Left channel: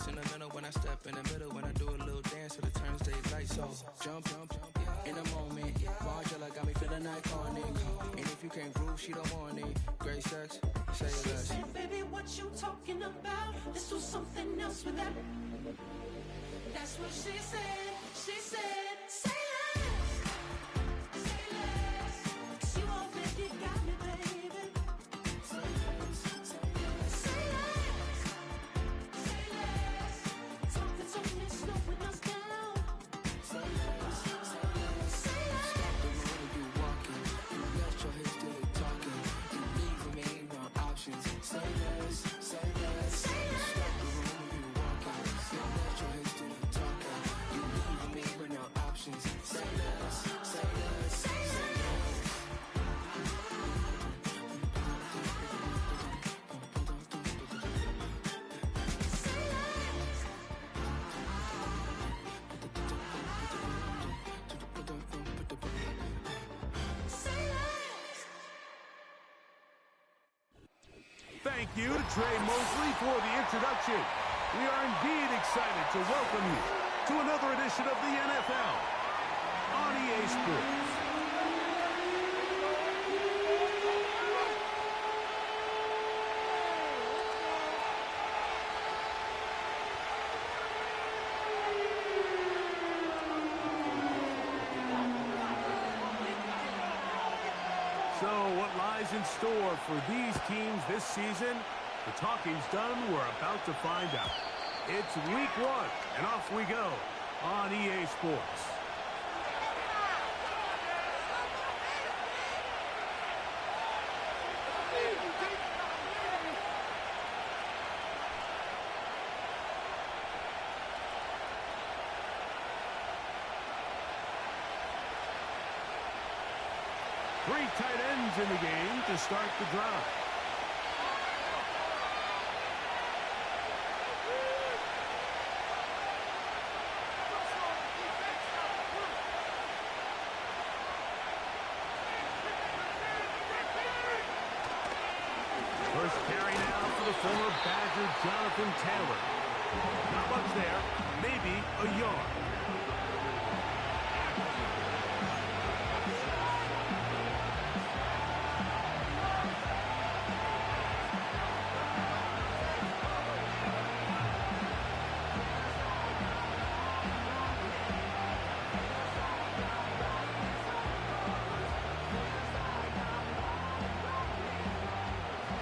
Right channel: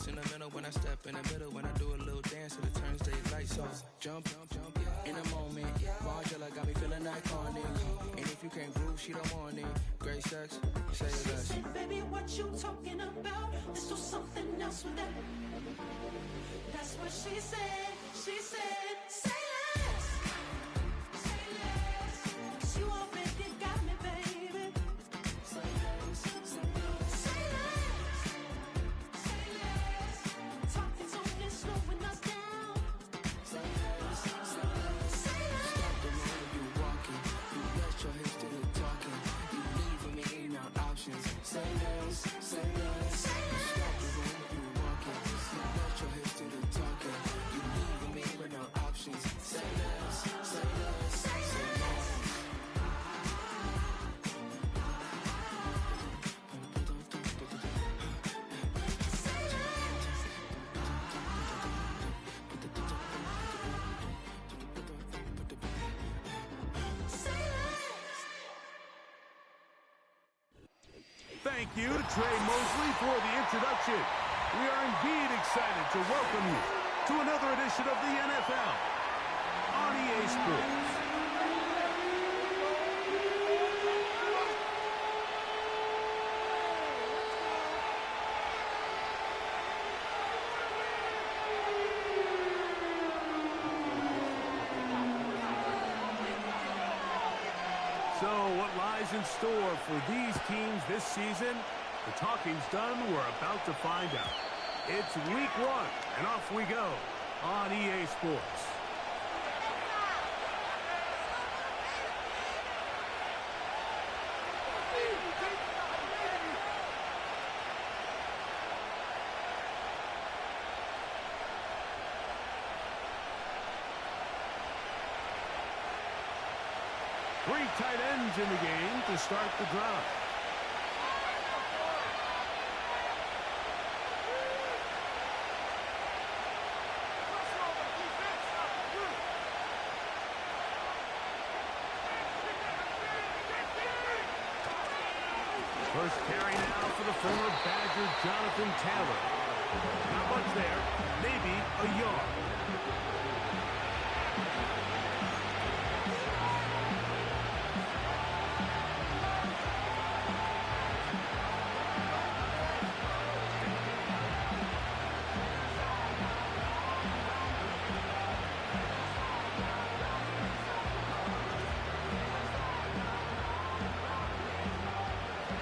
sentimental when I step in the middle. When I do a little dance to the turns they light. So jump, in a moment. Margella got me feeling iconic. And if you can't groove, she don't want it. Great sex, say less. Baby, what you talking about? Let's do something else with that. That's what she said. She said, say less. Say less. 'Cause you already got me, baby. Say less. Say less. Say less. Talking's only slowing us down. Say less. Say less. Stop the room when you walking. You let your hips do the talking. You leaving me no options. Say less, say less. Say less. Stop the room when you walking. You let your hips do the talking. You leaving me with no options. Say less, say less, Say less. Say less. Say less. Thank you to Trey Mosley for the introduction. We are indeed excited to welcome you to another edition of the NFL on EA Sports. So what lies in store for these teams this season? The talking's done. We're about to find out. It's week 1, and off we go on EA Sports. Three tight ends in the game to start the drive. First carry now for the former Badger, Jonathan Taylor. Not much there, maybe a yard.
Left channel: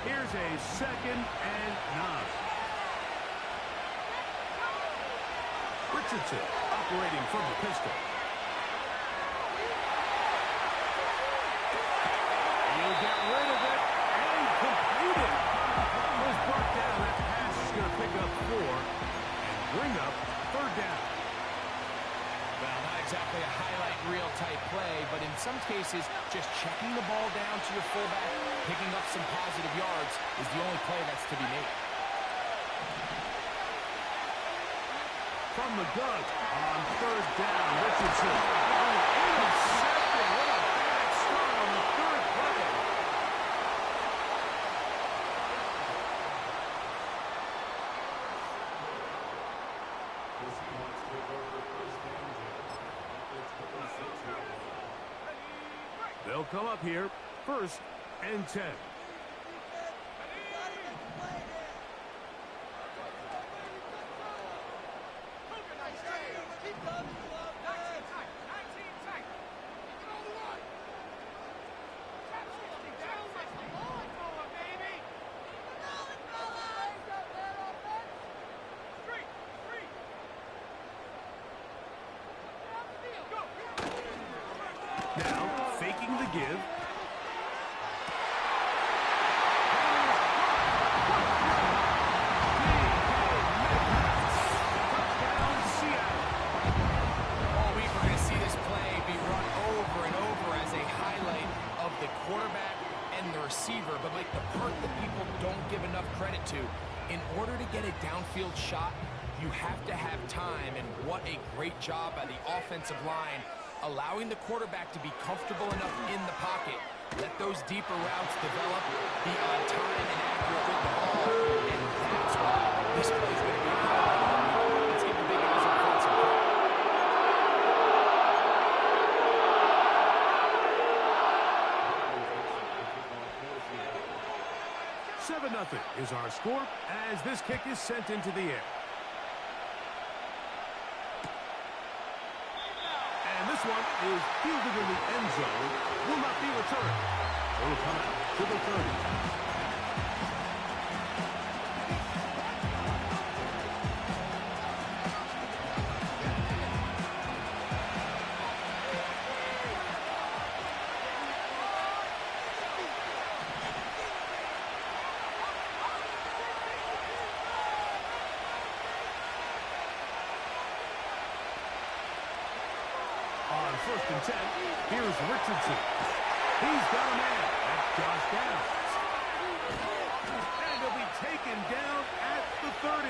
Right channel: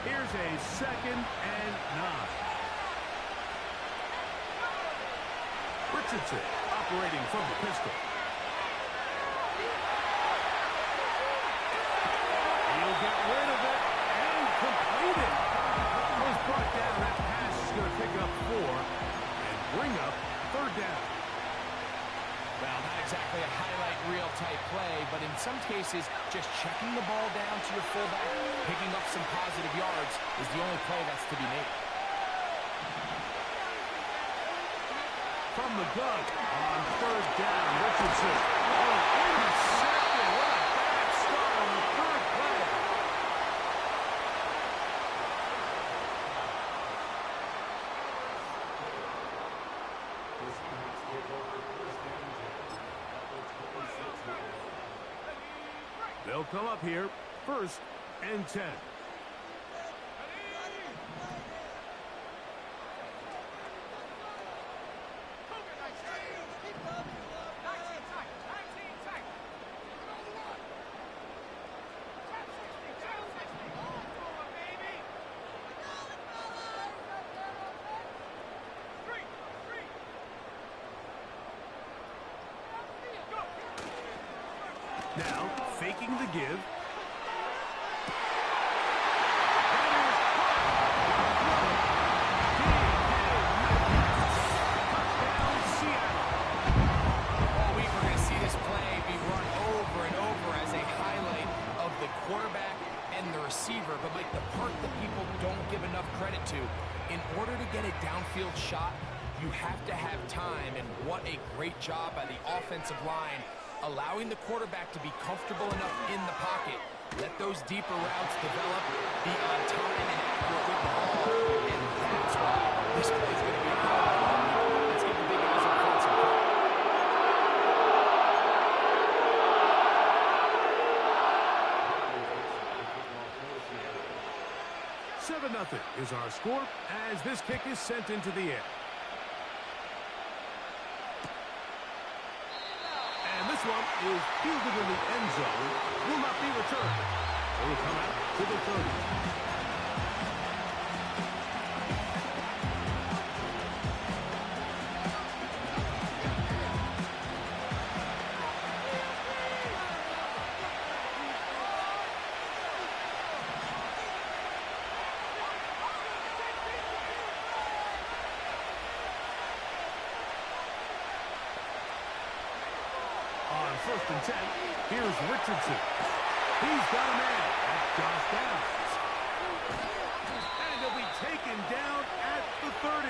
Here's a 2nd and 9. Richardson operating from the pistol. He'll get rid of it and complete it. Was brought down. That pass is going to pick up 4 and bring up 3rd down. Well, not exactly a highlight reel type play, but in some cases, just checking the ball down to your fullback, picking up some positive yards is the only play that's to be made. From the gun on 3rd down, Richardson. Oh, intercepted. What a bad start on the 3rd play. They'll come up here, 1st and 10. Now, faking the give. That is caught. What a throw. D.K. Metcalf. Touchdown, Seattle. All week we're going to see this play be run over and over as a highlight of the quarterback and the receiver. But, Mike, the part that people don't give enough credit to, in order to get a downfield shot, you have to have time, and what a great job by the offensive line allowing the quarterback to be comfortable enough in the pocket, let those deeper routes develop, be on time and accurate with the ball, and that's why this play is going to be a 2-0 is our score as this kick is sent into the air. And this one is fielded in the end zone. Will not be returned. It will come out to the 30. On 1st and 10, here's Richardson. He's got a man. That's Josh Downs. And he'll be taken down at the 30.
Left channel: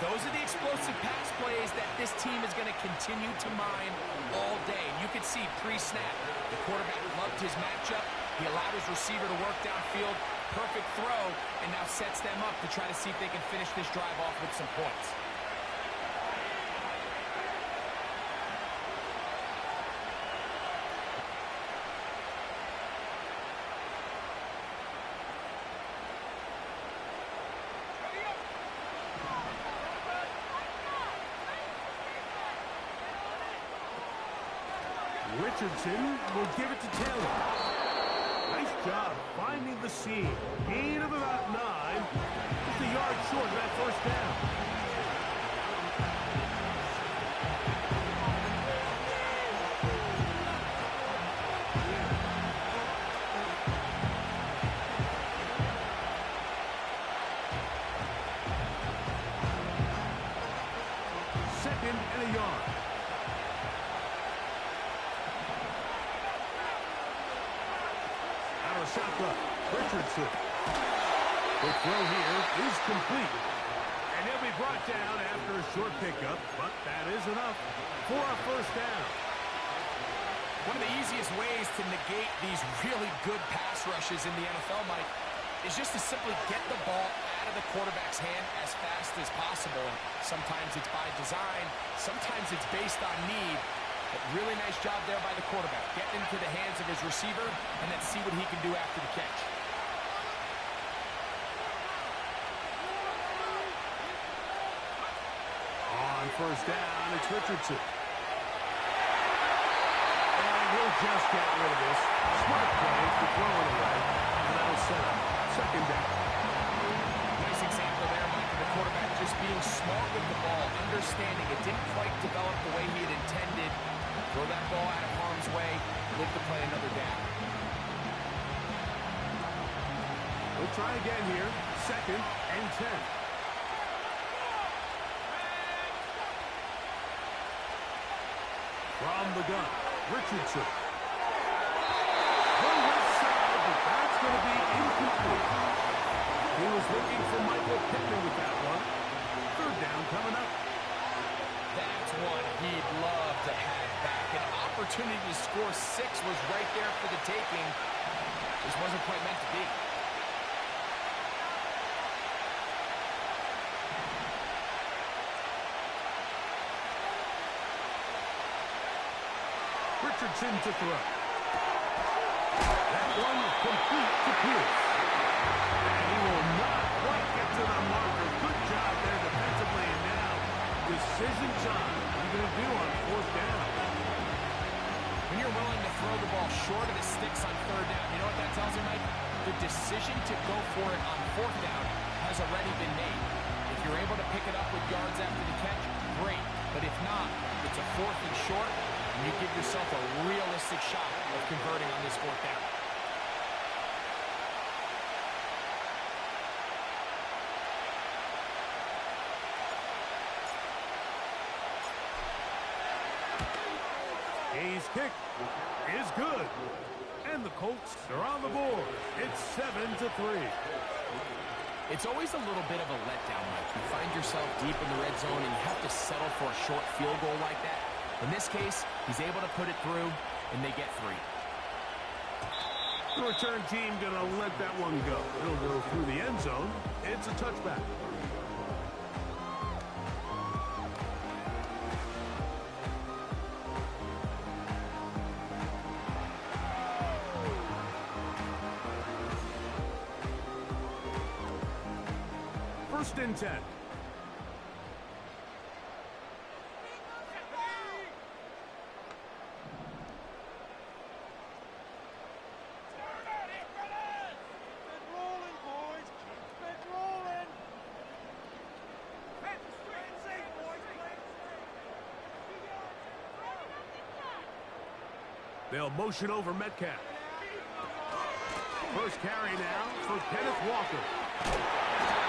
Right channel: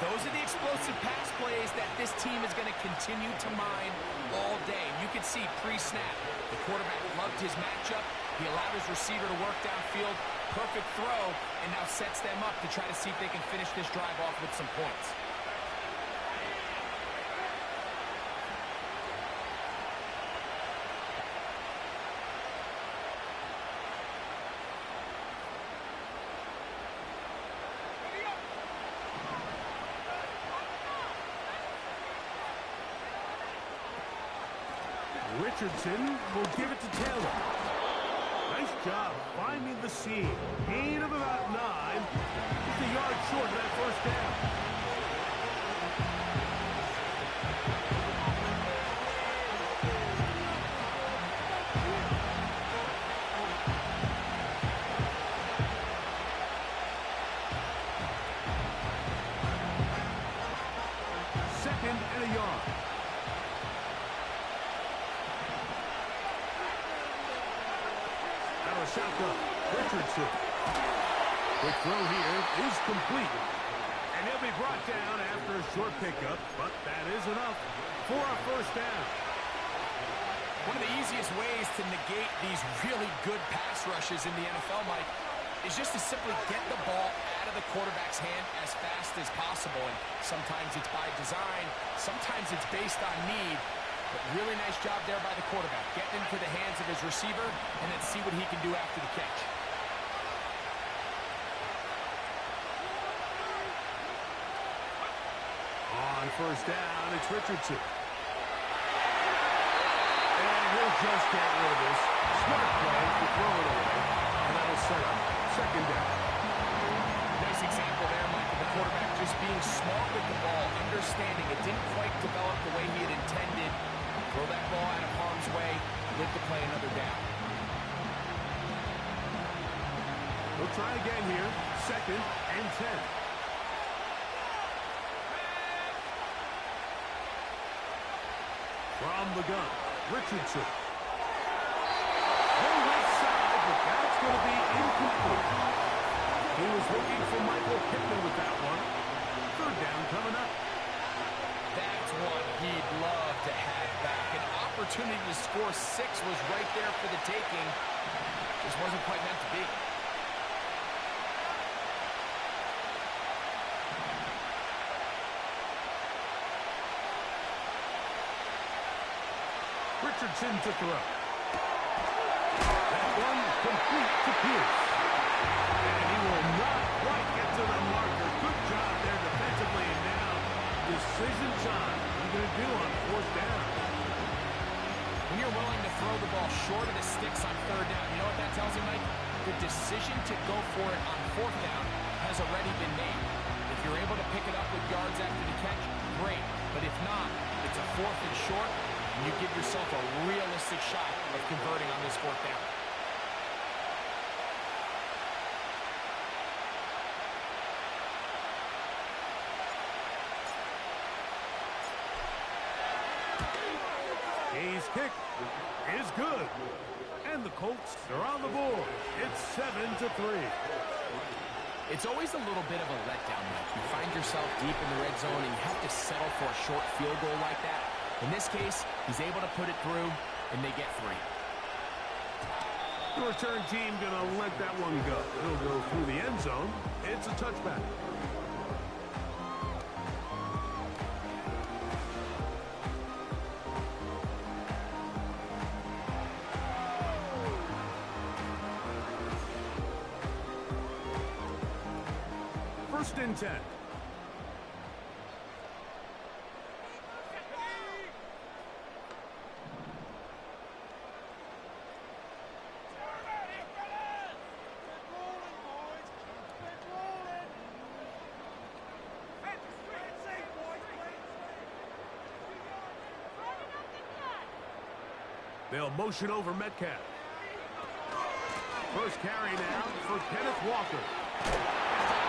Those are the explosive pass plays that this team is going to continue to mine all day. And you could see pre-snap, the quarterback loved his matchup. He allowed his receiver to work downfield. Perfect throw, and now sets them up to try to see if they can finish this drive off with some points. Richardson will give it to Taylor. Nice job finding the seam. Gain of about 9. Just a yard short of that first down. Second and a yard. Shotgun. Richardson. Quick throw here is complete. And he'll be brought down after a short pickup, but that is enough for a first down. One of the easiest ways to negate these really good pass rushes in the NFL, Mike, is just to simply get the ball out of the quarterback's hand as fast as possible. And sometimes it's by design, sometimes it's based on need. But really nice job there by the quarterback, getting into the hands of his receiver and then see what he can do after the catch. On first down, it's Richardson. And he'll just get rid of this. Smart play to throw it away. And that'll set up second down. Nice example there, Mike, of the quarterback just being smart with the ball, understanding it didn't quite develop the way he had intended. Throw that ball out of harm's way, live to play another down. We'll try again here. Second and 10. From the gun, Richardson. The left side, but that's going to be incomplete. He was looking for Michael Pittman with that one. Third down coming up. That's one he'd love to have back. An opportunity to score 6 was right there for the taking. Just wasn't quite meant to be. Richardson to throw. That one complete to Pierce. And he will not quite get to the marker. Good job there defensively. And now decision time. What are you going to do on fourth down? When you're willing to throw the ball short of the sticks on third down, you know what that tells you, Mike? The decision to go for it on fourth down has already been made. If you're able to pick it up with yards after the catch, great. But if not, it's a fourth and short, and you give yourself a realistic shot of converting on this fourth down. His kick is good. And the Colts are on the board. It's 7-3. It's always a little bit of a letdown, Mike. You find yourself deep in the red zone and you have to settle for a short field goal like that. In this case, he's able to put it through, and they get 3. The return team going to let that one go. It'll go through the end zone. It's a touchback. 1st and 10. They'll motion over Metcalf. First carry now for Kenneth Walker.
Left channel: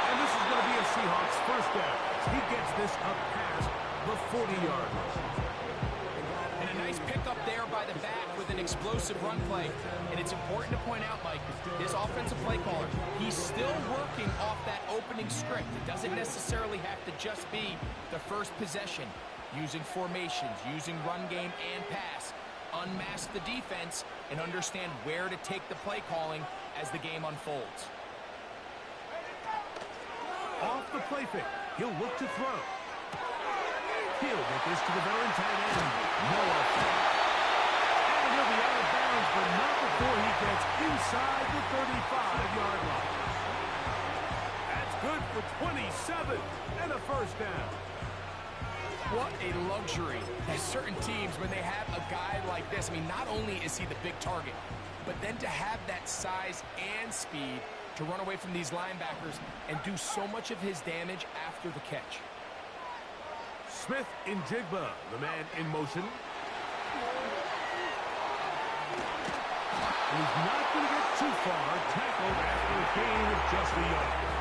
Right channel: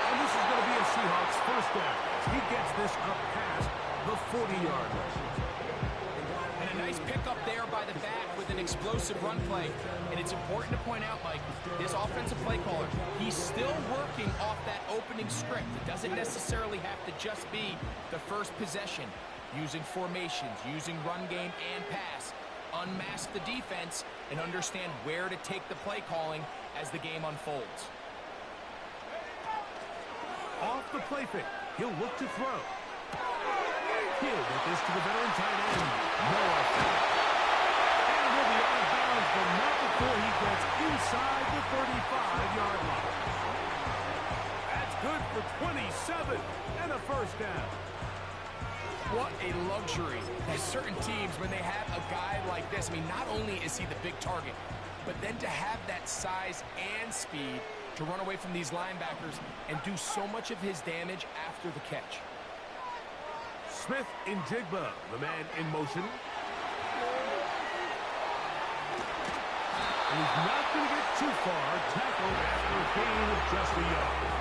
And this is going to be a Seahawks 1st down. He gets this up past the 40-yard line. And a nice pickup there by the back with an explosive run play. And it's important to point out, Mike, this offensive play caller, he's still working off that opening script. It doesn't necessarily have to just be the first possession. Using formations, using run game and pass. Unmask the defense and understand where to take the play calling as the game unfolds. Off the play fake, he'll look to throw. He'll get this to the veteran tight end, Noah Fant. And he'll be out of bounds, but not before he gets inside the 35-yard line. That's good for 27 and a 1st down. What a luxury. There's certain teams, when they have a guy like this, I mean, not only is he the big target, but then to have that size and speed to run away from these linebackers and do so much of his damage after the catch. Smith in Jigba, the man in motion. And he's not going to get too far. Tackled after a gain of just a yard.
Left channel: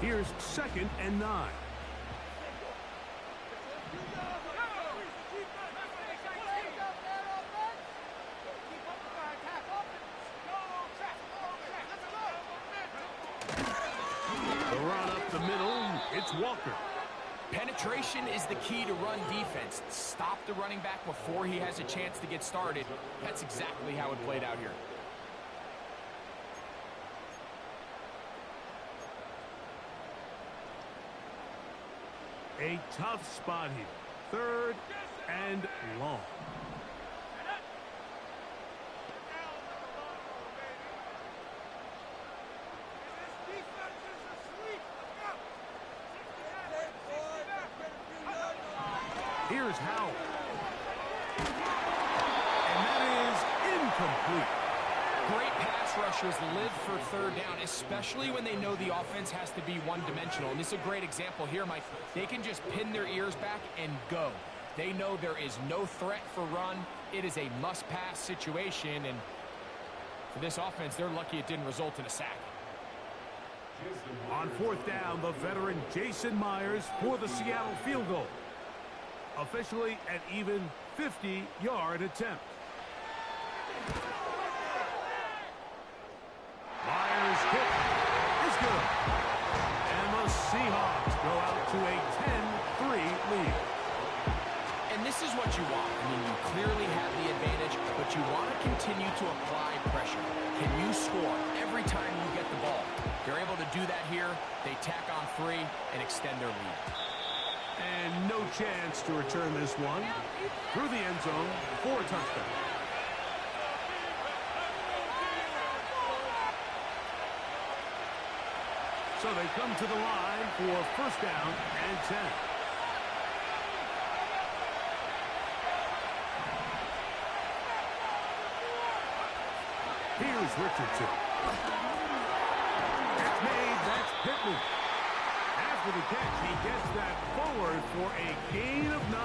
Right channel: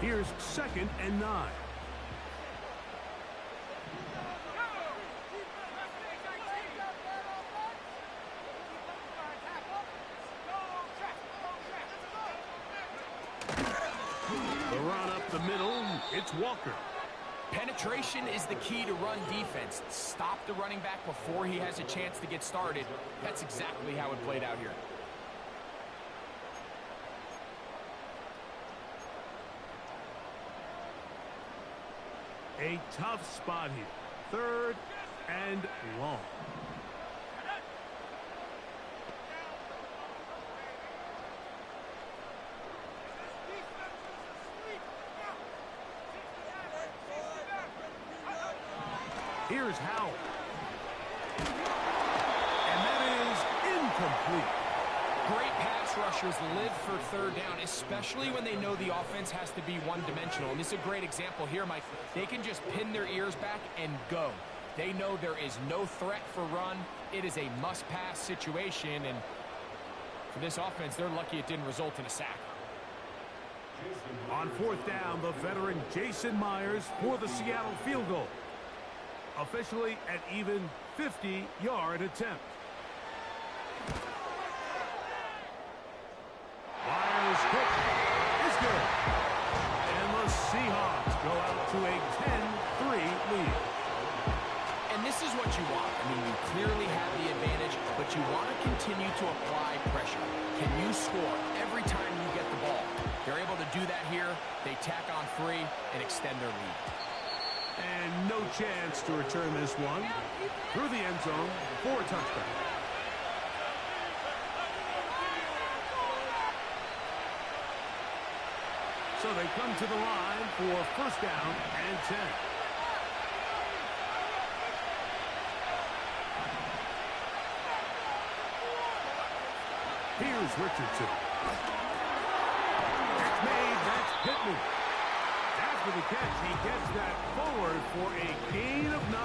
Here's 2nd and 9. The run up the middle, it's Walker. Penetration is the key to run defense. Stop the running back before he has a chance to get started. That's exactly how it played out here. A tough spot here. 3rd and long. Here's Howell. And that is incomplete. Great pass rushers live for 3rd down, especially when they know the offense has to be one-dimensional. And this is a great example here, Mike. They can just pin their ears back and go. They know there is no threat for run. It is a must-pass situation, and for this offense, they're lucky it didn't result in a sack. On 4th down, the veteran Jason Myers for the Seattle field goal. Officially an even 50-yard attempt. Myers' kick is good. And the Seahawks go out to a 10-3 lead. And this is what you want. I mean, you clearly have the advantage, but you want to continue to apply pressure. Can you score every time you get the ball? They're able to do that here. They tack on 3 and extend their lead. And no chance to return this one. Through the end zone for a touchdown. So they come to the line for 1st down and 10. Here's Richardson. It's made, that's Pittman. After the catch, he gets that forward for a gain of 9.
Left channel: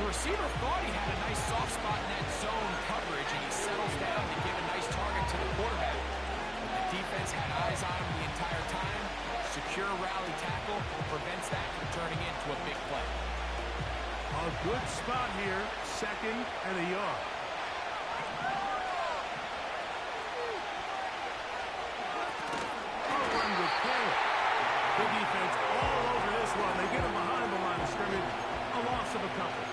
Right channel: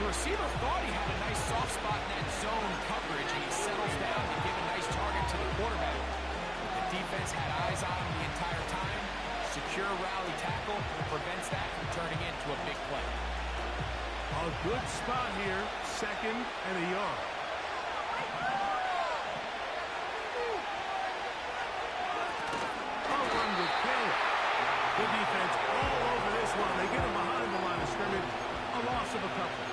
The receiver thought he had a nice soft spot in that zone coverage, and he settles down to give a nice target to the quarterback. But the defense had eyes on him the entire time. Secure rally tackle prevents that from turning into a big play. A good spot here, 2nd and a yard. A run with Caleb. The defense all over this one. They get him behind the line of scrimmage. A loss of a couple.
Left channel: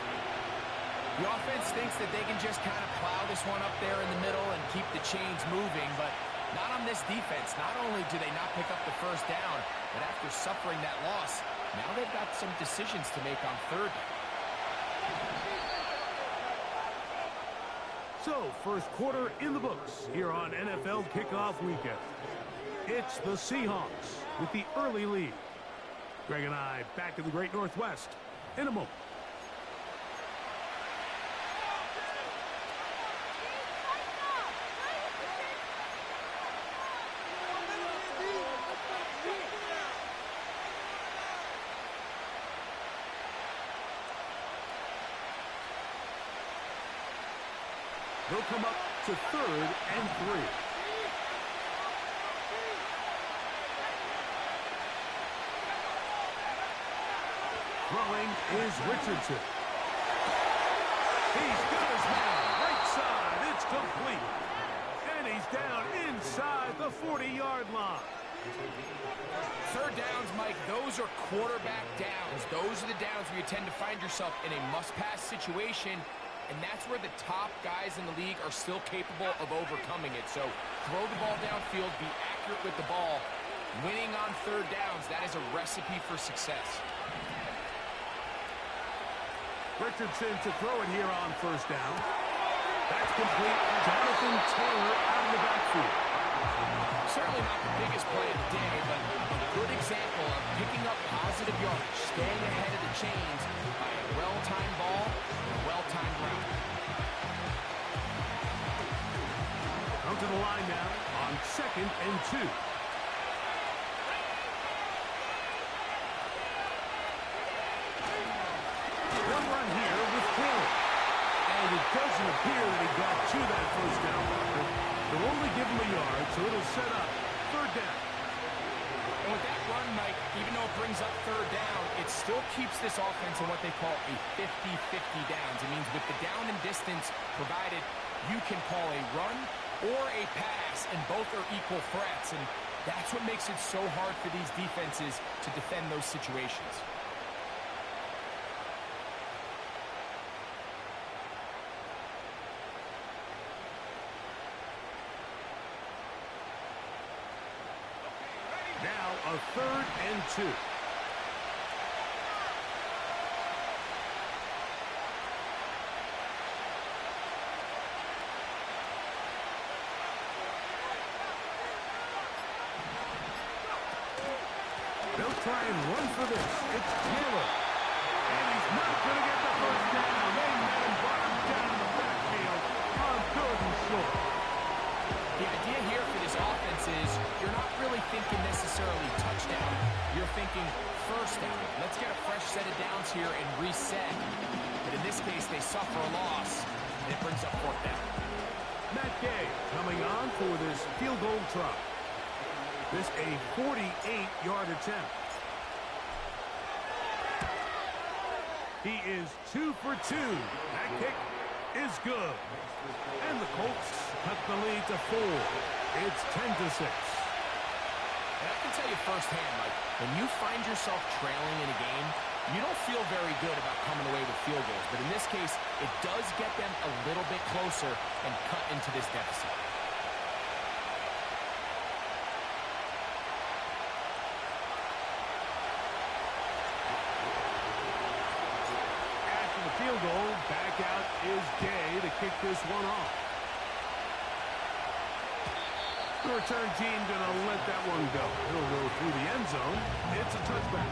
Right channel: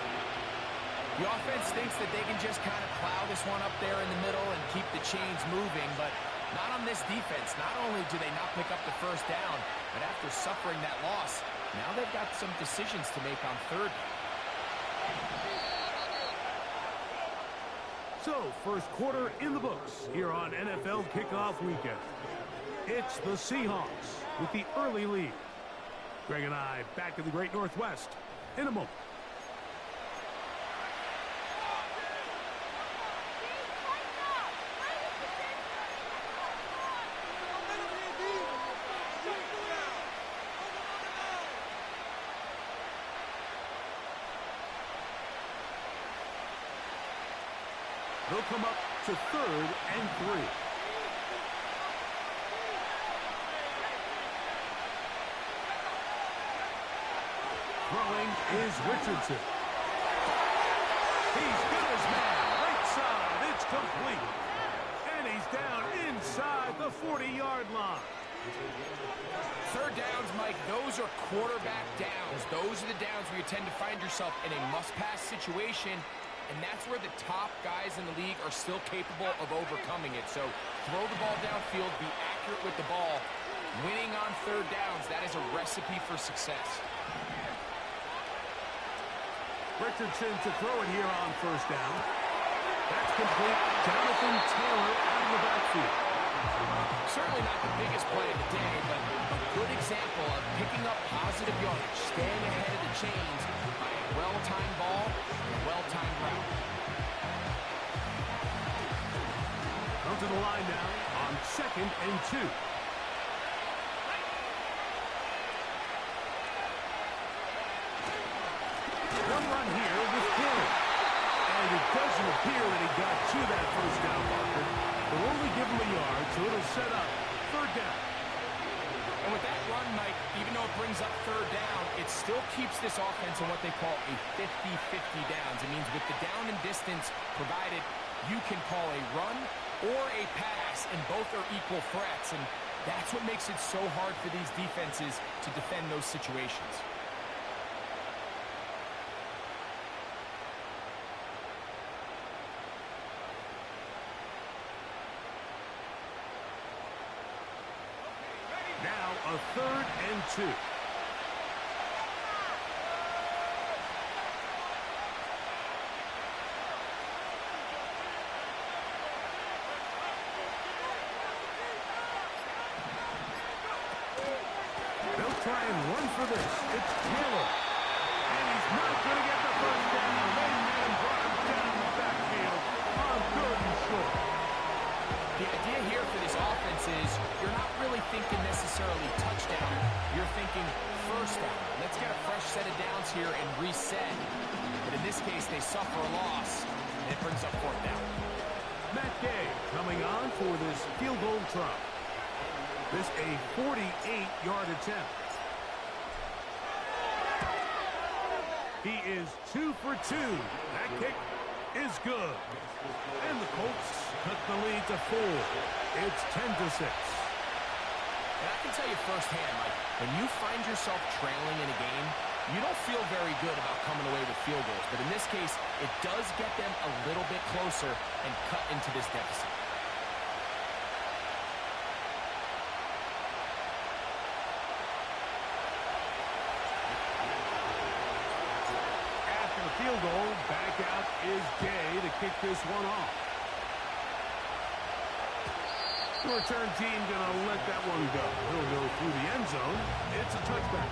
The offense thinks that they can just kind of plow this one up there in the middle and keep the chains moving, but not on this defense. Not only do they not pick up the 1st down, but after suffering that loss, now they've got some decisions to make on 3rd down. So, first quarter in the books here on NFL Kickoff Weekend. It's the Seahawks with the early lead. Greg and I back in the Great Northwest in a moment. They'll come up to 3rd and 3. Throwing is Richardson. He's got his man. Right side. It's complete. And he's down inside the 40-yard line. Third downs, Mike, those are quarterback downs. Those are the downs where you tend to find yourself in a must-pass situation. And that's where the top guys in the league are still capable of overcoming it. So throw the ball downfield, be accurate with the ball. Winning on third downs, that is a recipe for success. Richardson to throw it here on first down. That's complete. Jonathan Taylor out of the backfield. Certainly not the biggest play of the day, but a good example of picking up positive yardage, staying ahead of the chains by a well-timed ball and a well-timed route. Come to the line now on 2nd and 2. They'll run here with Taylor. And it doesn't appear that he got to that first down marker. They'll only give him a yard, so it'll set up 3rd down. And with that run, Mike, even though it brings up 3rd down, it still keeps this offense in what they call a 50-50 downs. It means with the down and distance provided, you can call a run or a pass, and both are equal threats. And that's what makes it so hard for these defenses to defend those situations. Now a 3rd and 2. They'll try and run for this. It's Taylor. And he's not going to get the first down. They met him, brought him down the backfield on 3rd and short. The idea here for this offense is you're not really thinking necessarily touchdown. You're thinking first down. Let's get a fresh set of downs here and reset. But in this case, they suffer a loss, and it brings up 4th down. Matt Gay coming on for this field goal try. This a 48-yard attempt. He is 2 for 2. That kick is good. And the Colts cut the lead to 4. It's 10-6. And I can tell you firsthand, Mike, when you find yourself trailing in a game, you don't feel very good about coming away with field goals. But in this case, it does get them a little bit closer and cut into this deficit. After the field goal, back out is Gay to kick this one off. The return team going to let that one go. He'll go through the end zone. It's a touchback.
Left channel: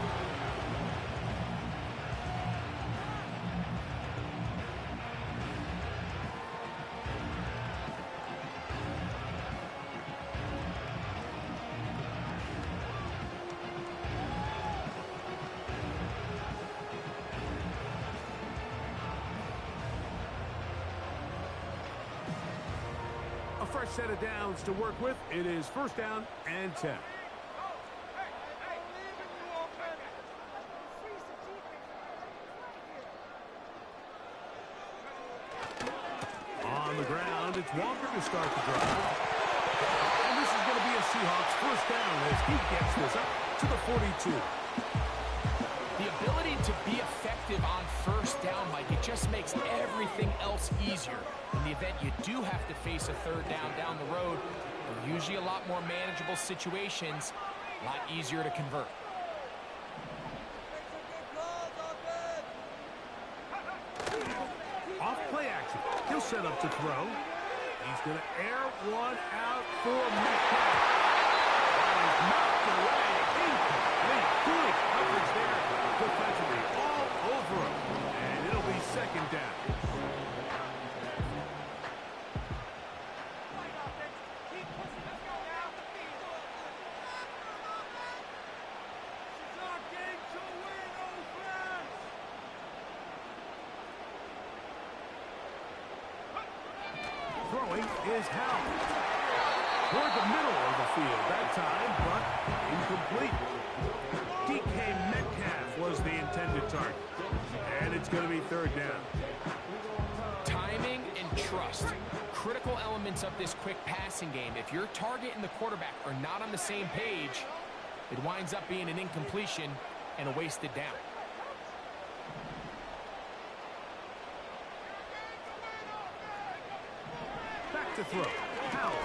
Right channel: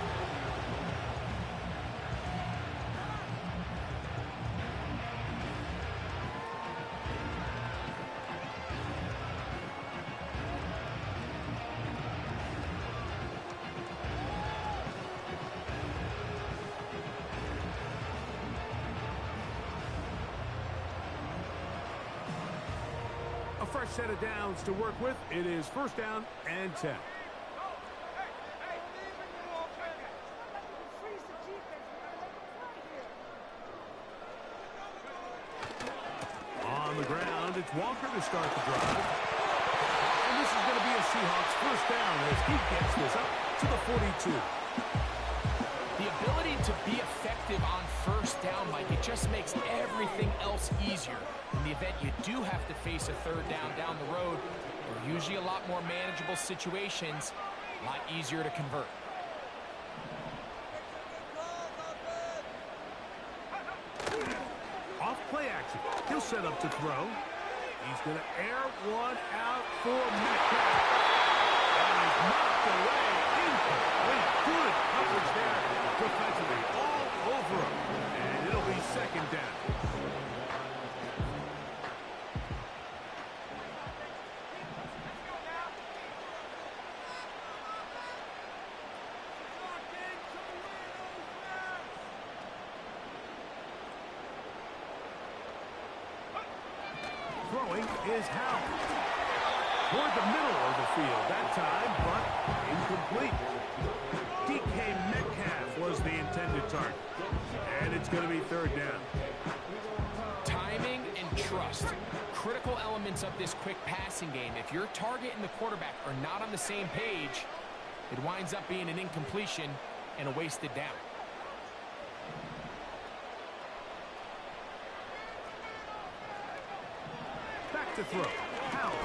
A fresh set of downs to work with. It is 1st down and 10. On the ground, it's Walker to start the drive. And this is going to be a Seahawks 1st down as he gets this up to the 42. The ability to be effective on 1st down, Mike, it just makes everything else easier. In the event you do have to face a 3rd down the road, they're usually a lot more manageable situations, a lot easier to convert. Off play action. He'll set up to throw. He's going to air one out for Metcalf. That is knocked away. Incomplete. Good coverage there defensively. All over him. And it'll be second down. Throwing is Howell. Toward the middle of the field that time, but incomplete. DK Metcalf was the intended target. And it's going to be third down. Timing and trust. Critical elements of this quick passing game. If your target and the quarterback are not on the same page, it winds up being an incompletion and a wasted down. To throw. Howell.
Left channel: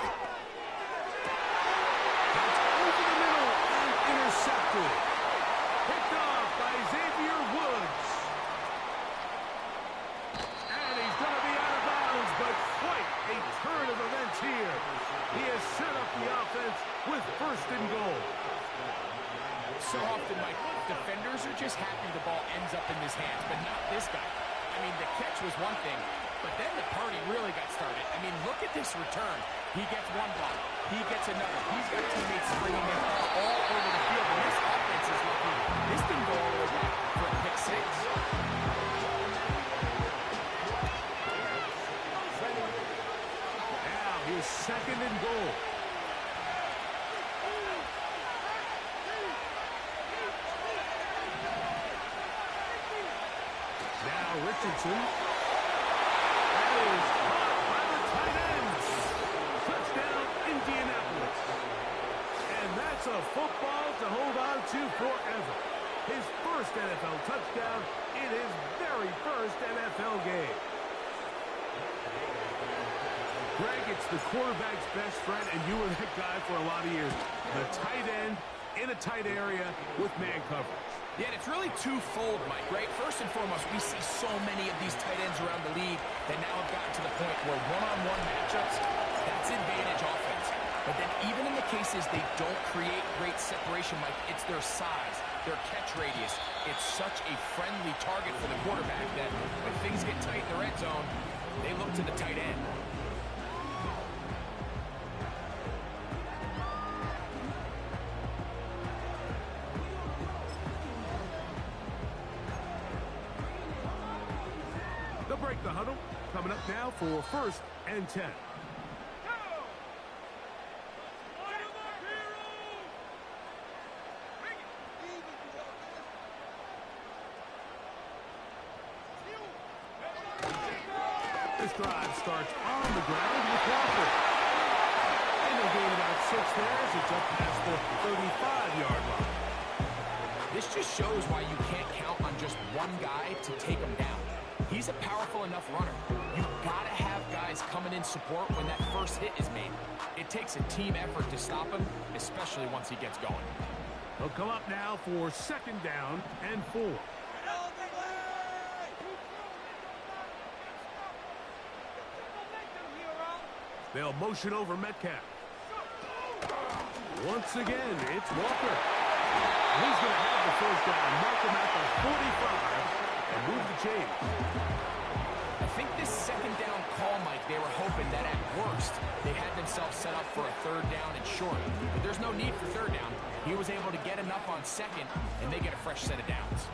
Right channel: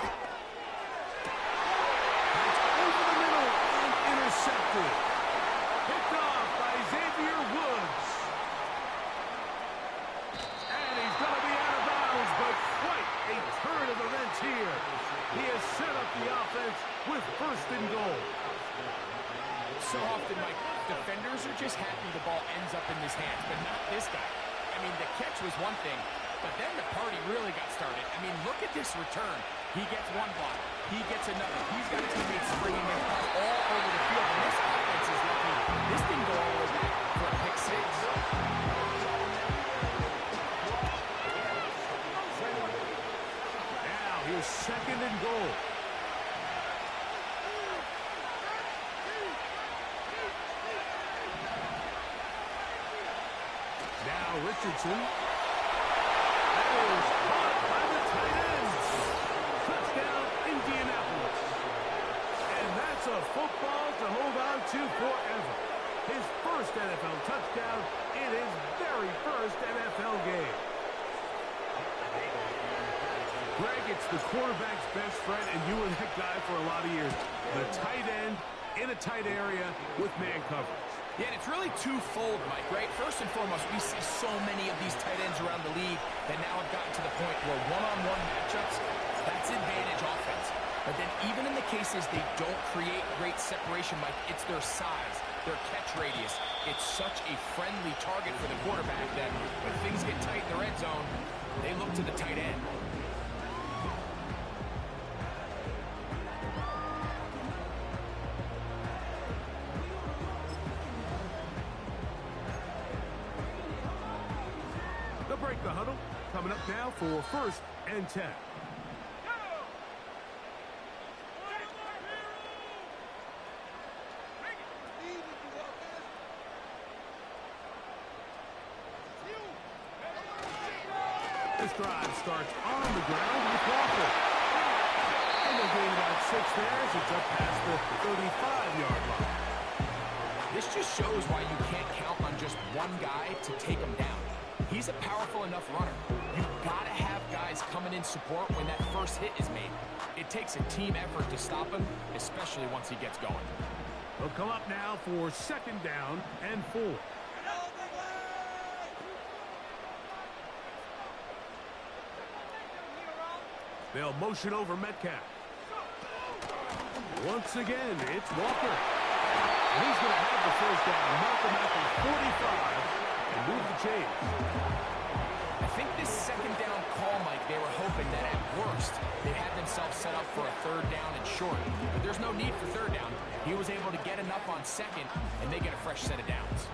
That's over the middle and intercepted. Picked off by Xavier Woods. And he's going to be out of bounds, but quite a turn of events here. He has set up the offense with first and goal. So often, Mike, defenders are just happy the ball ends up in his hands, but not this guy. I mean, the catch was one thing, but then the party really got started. I mean, look at this return. He gets one block. He gets another. He's got teammates springing their ball all over the field, and this offense is lucky. This didn't go all the way back for a pick six. Now, here's second and goal. Now, Richardson. That is caught by the tight ends. Touchdown, Indianapolis. And that's a football to hold on to forever. His first NFL touchdown in his very first NFL game. Greg, it's the quarterback's best friend, and you were that guy for a lot of years. The tight end in a tight area with man coverage. Yeah, and it's really twofold, Mike, right? First and foremost, we see so many of these tight ends around the league that now have gotten to the point where one-on-one matchups, that's advantage offense. But then even in the cases they don't create great separation, Mike, it's their size, their catch radius. It's such a friendly target for the quarterback that when things get tight in the red zone, they look to the tight end. They'll break the huddle. Coming up now for first and 10. This drive starts on the ground with Walker. And they'll gain about 6 there as it's up past the 35-yard line. This just shows why you can't count on just one guy to take him down. He's a powerful enough runner. You've got to have guys coming in support when that first hit is made. It takes a team effort to stop him, especially once he gets going. They'll come up now for second down and 4. They'll motion over Metcalf. Once again, it's Walker. And he's going to have the first down, mark him at the 45, and move the chains. I think this second down call, Mike, they were hoping that at worst they had themselves set up for a third down and short. But there's no need for third down. He was able to get enough on second, and they get a fresh set of downs.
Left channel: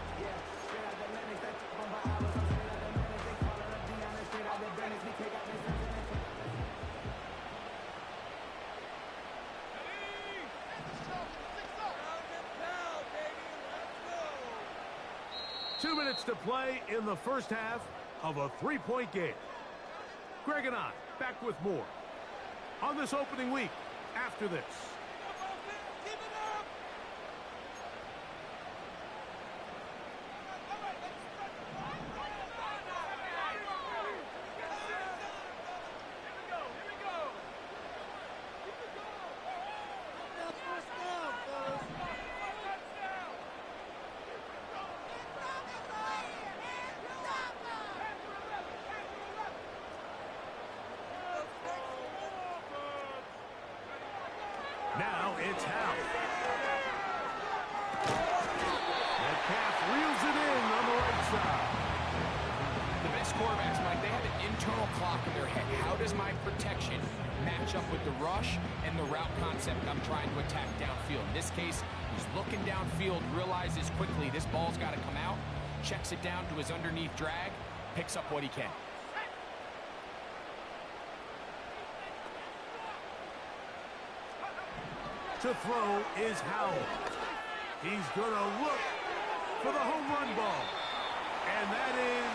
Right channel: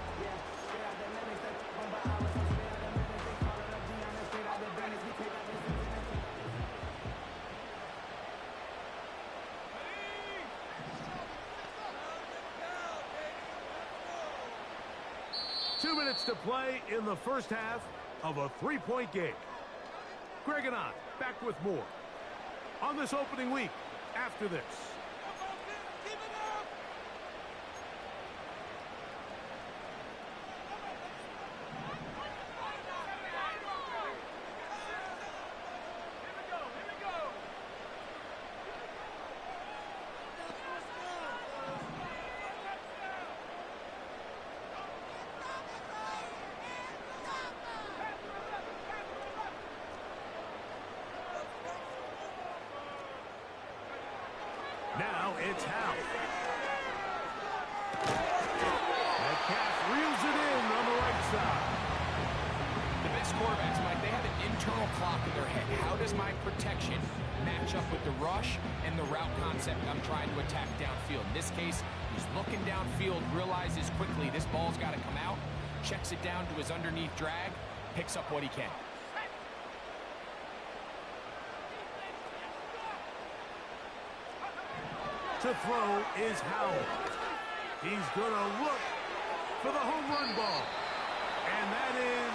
2 minutes to play in the first half of a 3-point game. Greg and I back with more on this opening week after this. Now it's Howe. Metcalf reels it in on the right side. The best quarterbacks, Mike, they have an internal clock in their head. How does my protection match up with the rush and the route concept I'm trying to attack downfield? In this case, he's looking downfield, realizes quickly this ball's got to come out, checks it down to his underneath drag, picks up what he can. To throw is Howell. He's going to look for the home run ball. And that is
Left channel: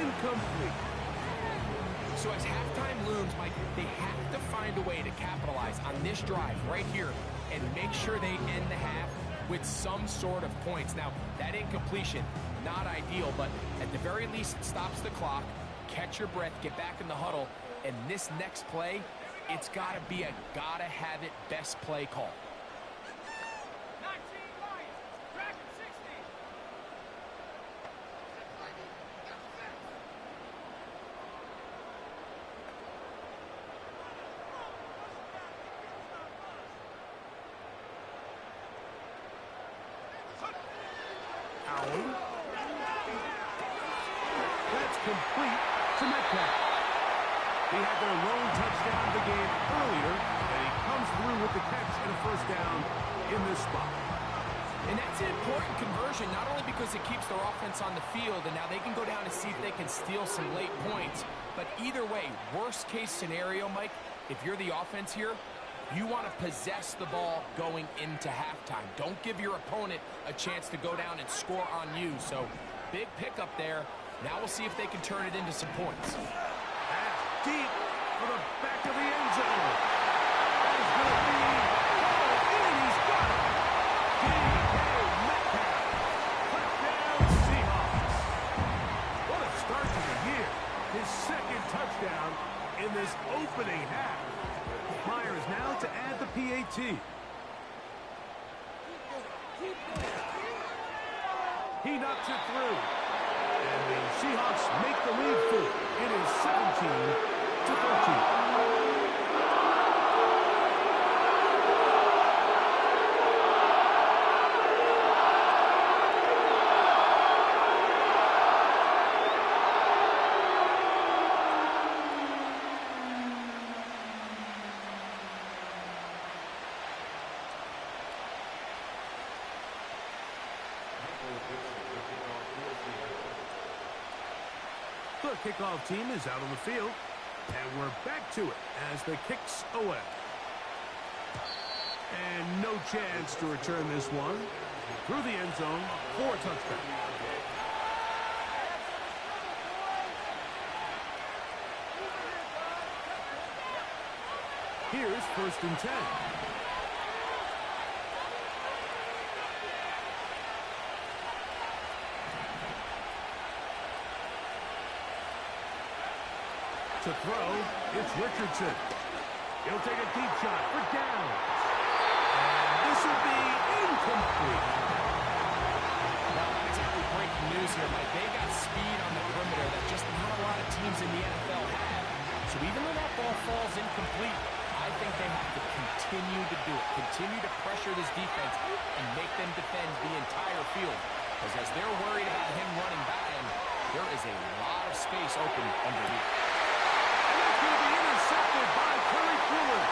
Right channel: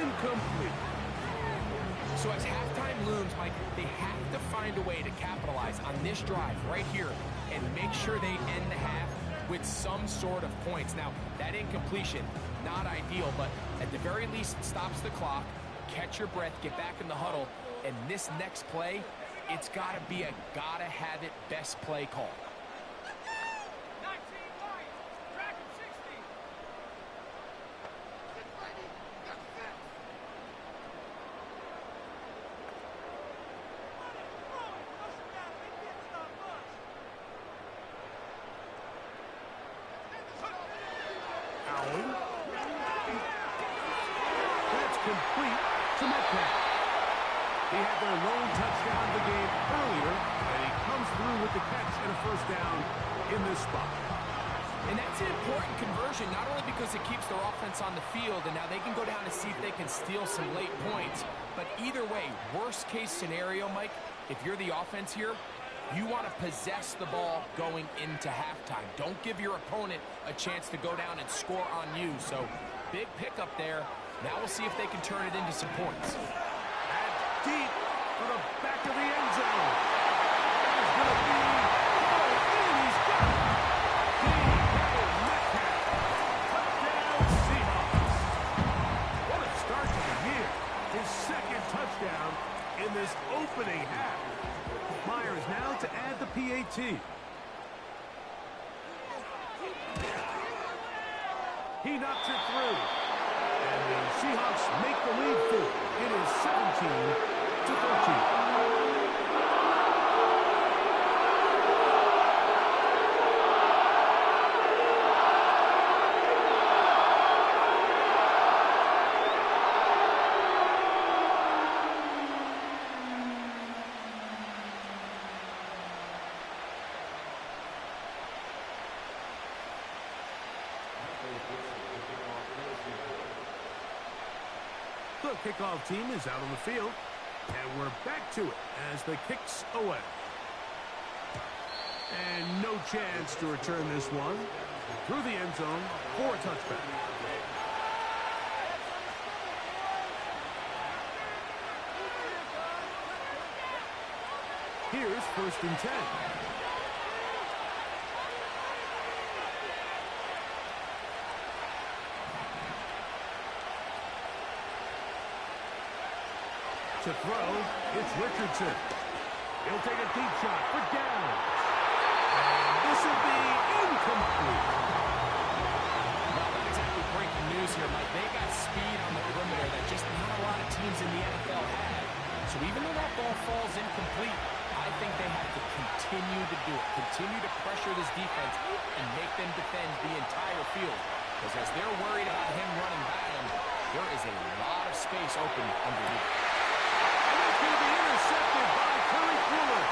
incomplete. So as halftime looms, Mike, they have to find a way to capitalize on this drive right here and make sure they end the half with some sort of points. Now, that incompletion, not ideal, but at the very least, it stops the clock, catch your breath, get back in the huddle, and this next play, it's got to be a gotta-have-it best play call. 19 Lions, Dragon 60. Allen. That's complete to Metcalf. He had their lone touchdown of the game earlier, and he comes through with the catch and a first down in this spot. And that's an important conversion, not only because it keeps their offense on the field, and now they can go down and see if they can steal some late points, but either way, worst case scenario, Mike, if you're the offense here, you want to possess the ball going into halftime. Don't give your opponent a chance to go down and score on you. So, big pickup there. Now we'll see if they can turn it into some points. Deep for the back of the end zone. That is going to be oh, in. He's got it. DK Metcalf. Touchdown Seahawks. What a start to the year. His second touchdown in this opening half. Myers now to add the PAT. He knocks it through. And the Seahawks make the lead full. It is 17-13. The kickoff team is out on the field, and we're back to it as the kick's away. And no chance to return this one through the end zone for a touchback. Here's 1st and 10. To throw, it's Richardson. He'll take a deep shot for downs. And this will be incomplete. Well, not exactly breaking news here, Mike. They got speed on the perimeter that just not a lot of teams in the NFL have. So even though that ball falls incomplete, I think they have to continue to do it. Continue to pressure this defense and make them defend the entire field. Because as they're worried about him running by them, there is a lot of space open underneath. It's going to be intercepted by Terry Fuller.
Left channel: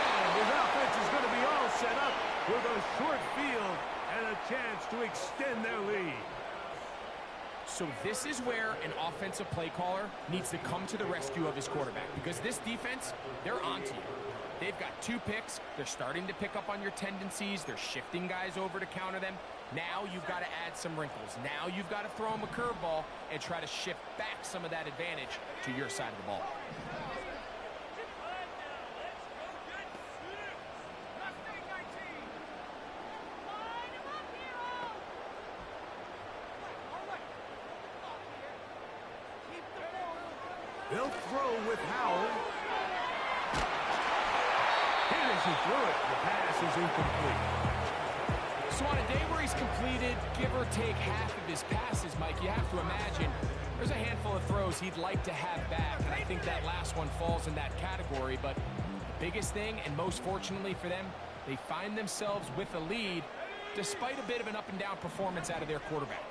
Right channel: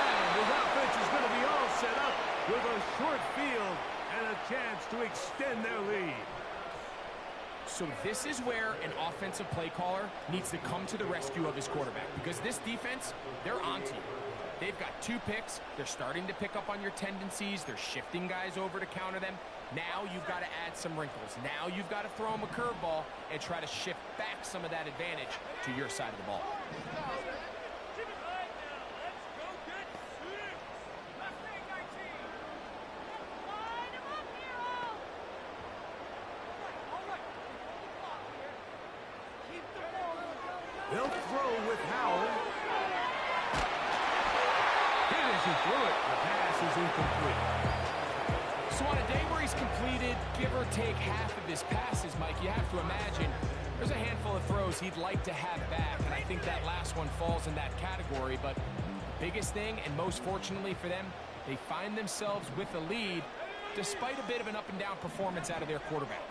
And his offense is going to be all set up with a short field and a chance to extend their lead. So this is where an offensive play caller needs to come to the rescue of his quarterback, because this defense, they're onto you. They've got 2 picks. They're starting to pick up on your tendencies. They're shifting guys over to counter them. Now you've got to add some wrinkles. Now you've got to throw them a curveball and try to shift back some of that advantage to your side of the ball. They'll throw with Howell. Hit as he threw it. The pass is incomplete. So on a day where he's completed, give or take half of his passes, Mike, you have to imagine There's a handful of throws he'd like to have back, and I think that last one falls in that category. But the biggest thing, and most fortunately for them, they find themselves with a lead despite a bit of an up-and-down performance out of their quarterback.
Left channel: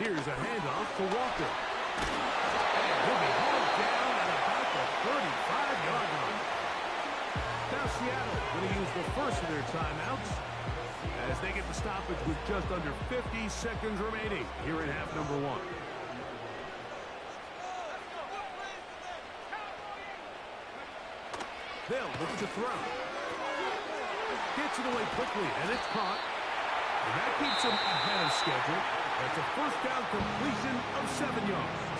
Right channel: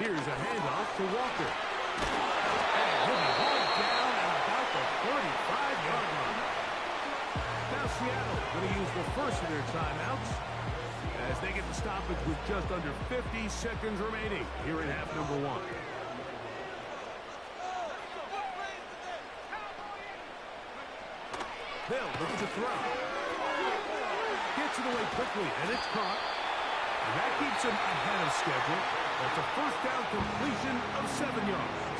Here's a handoff to Walker. And he'll be hauled down at about the 35-yard line. Now Seattle going to use the first of their timeouts as they get the stoppage with just under 50 seconds remaining here in half number one. They'll look to throw. Gets it away quickly, and it's caught. And that keeps him ahead of schedule. That's a first down completion of 7 yards.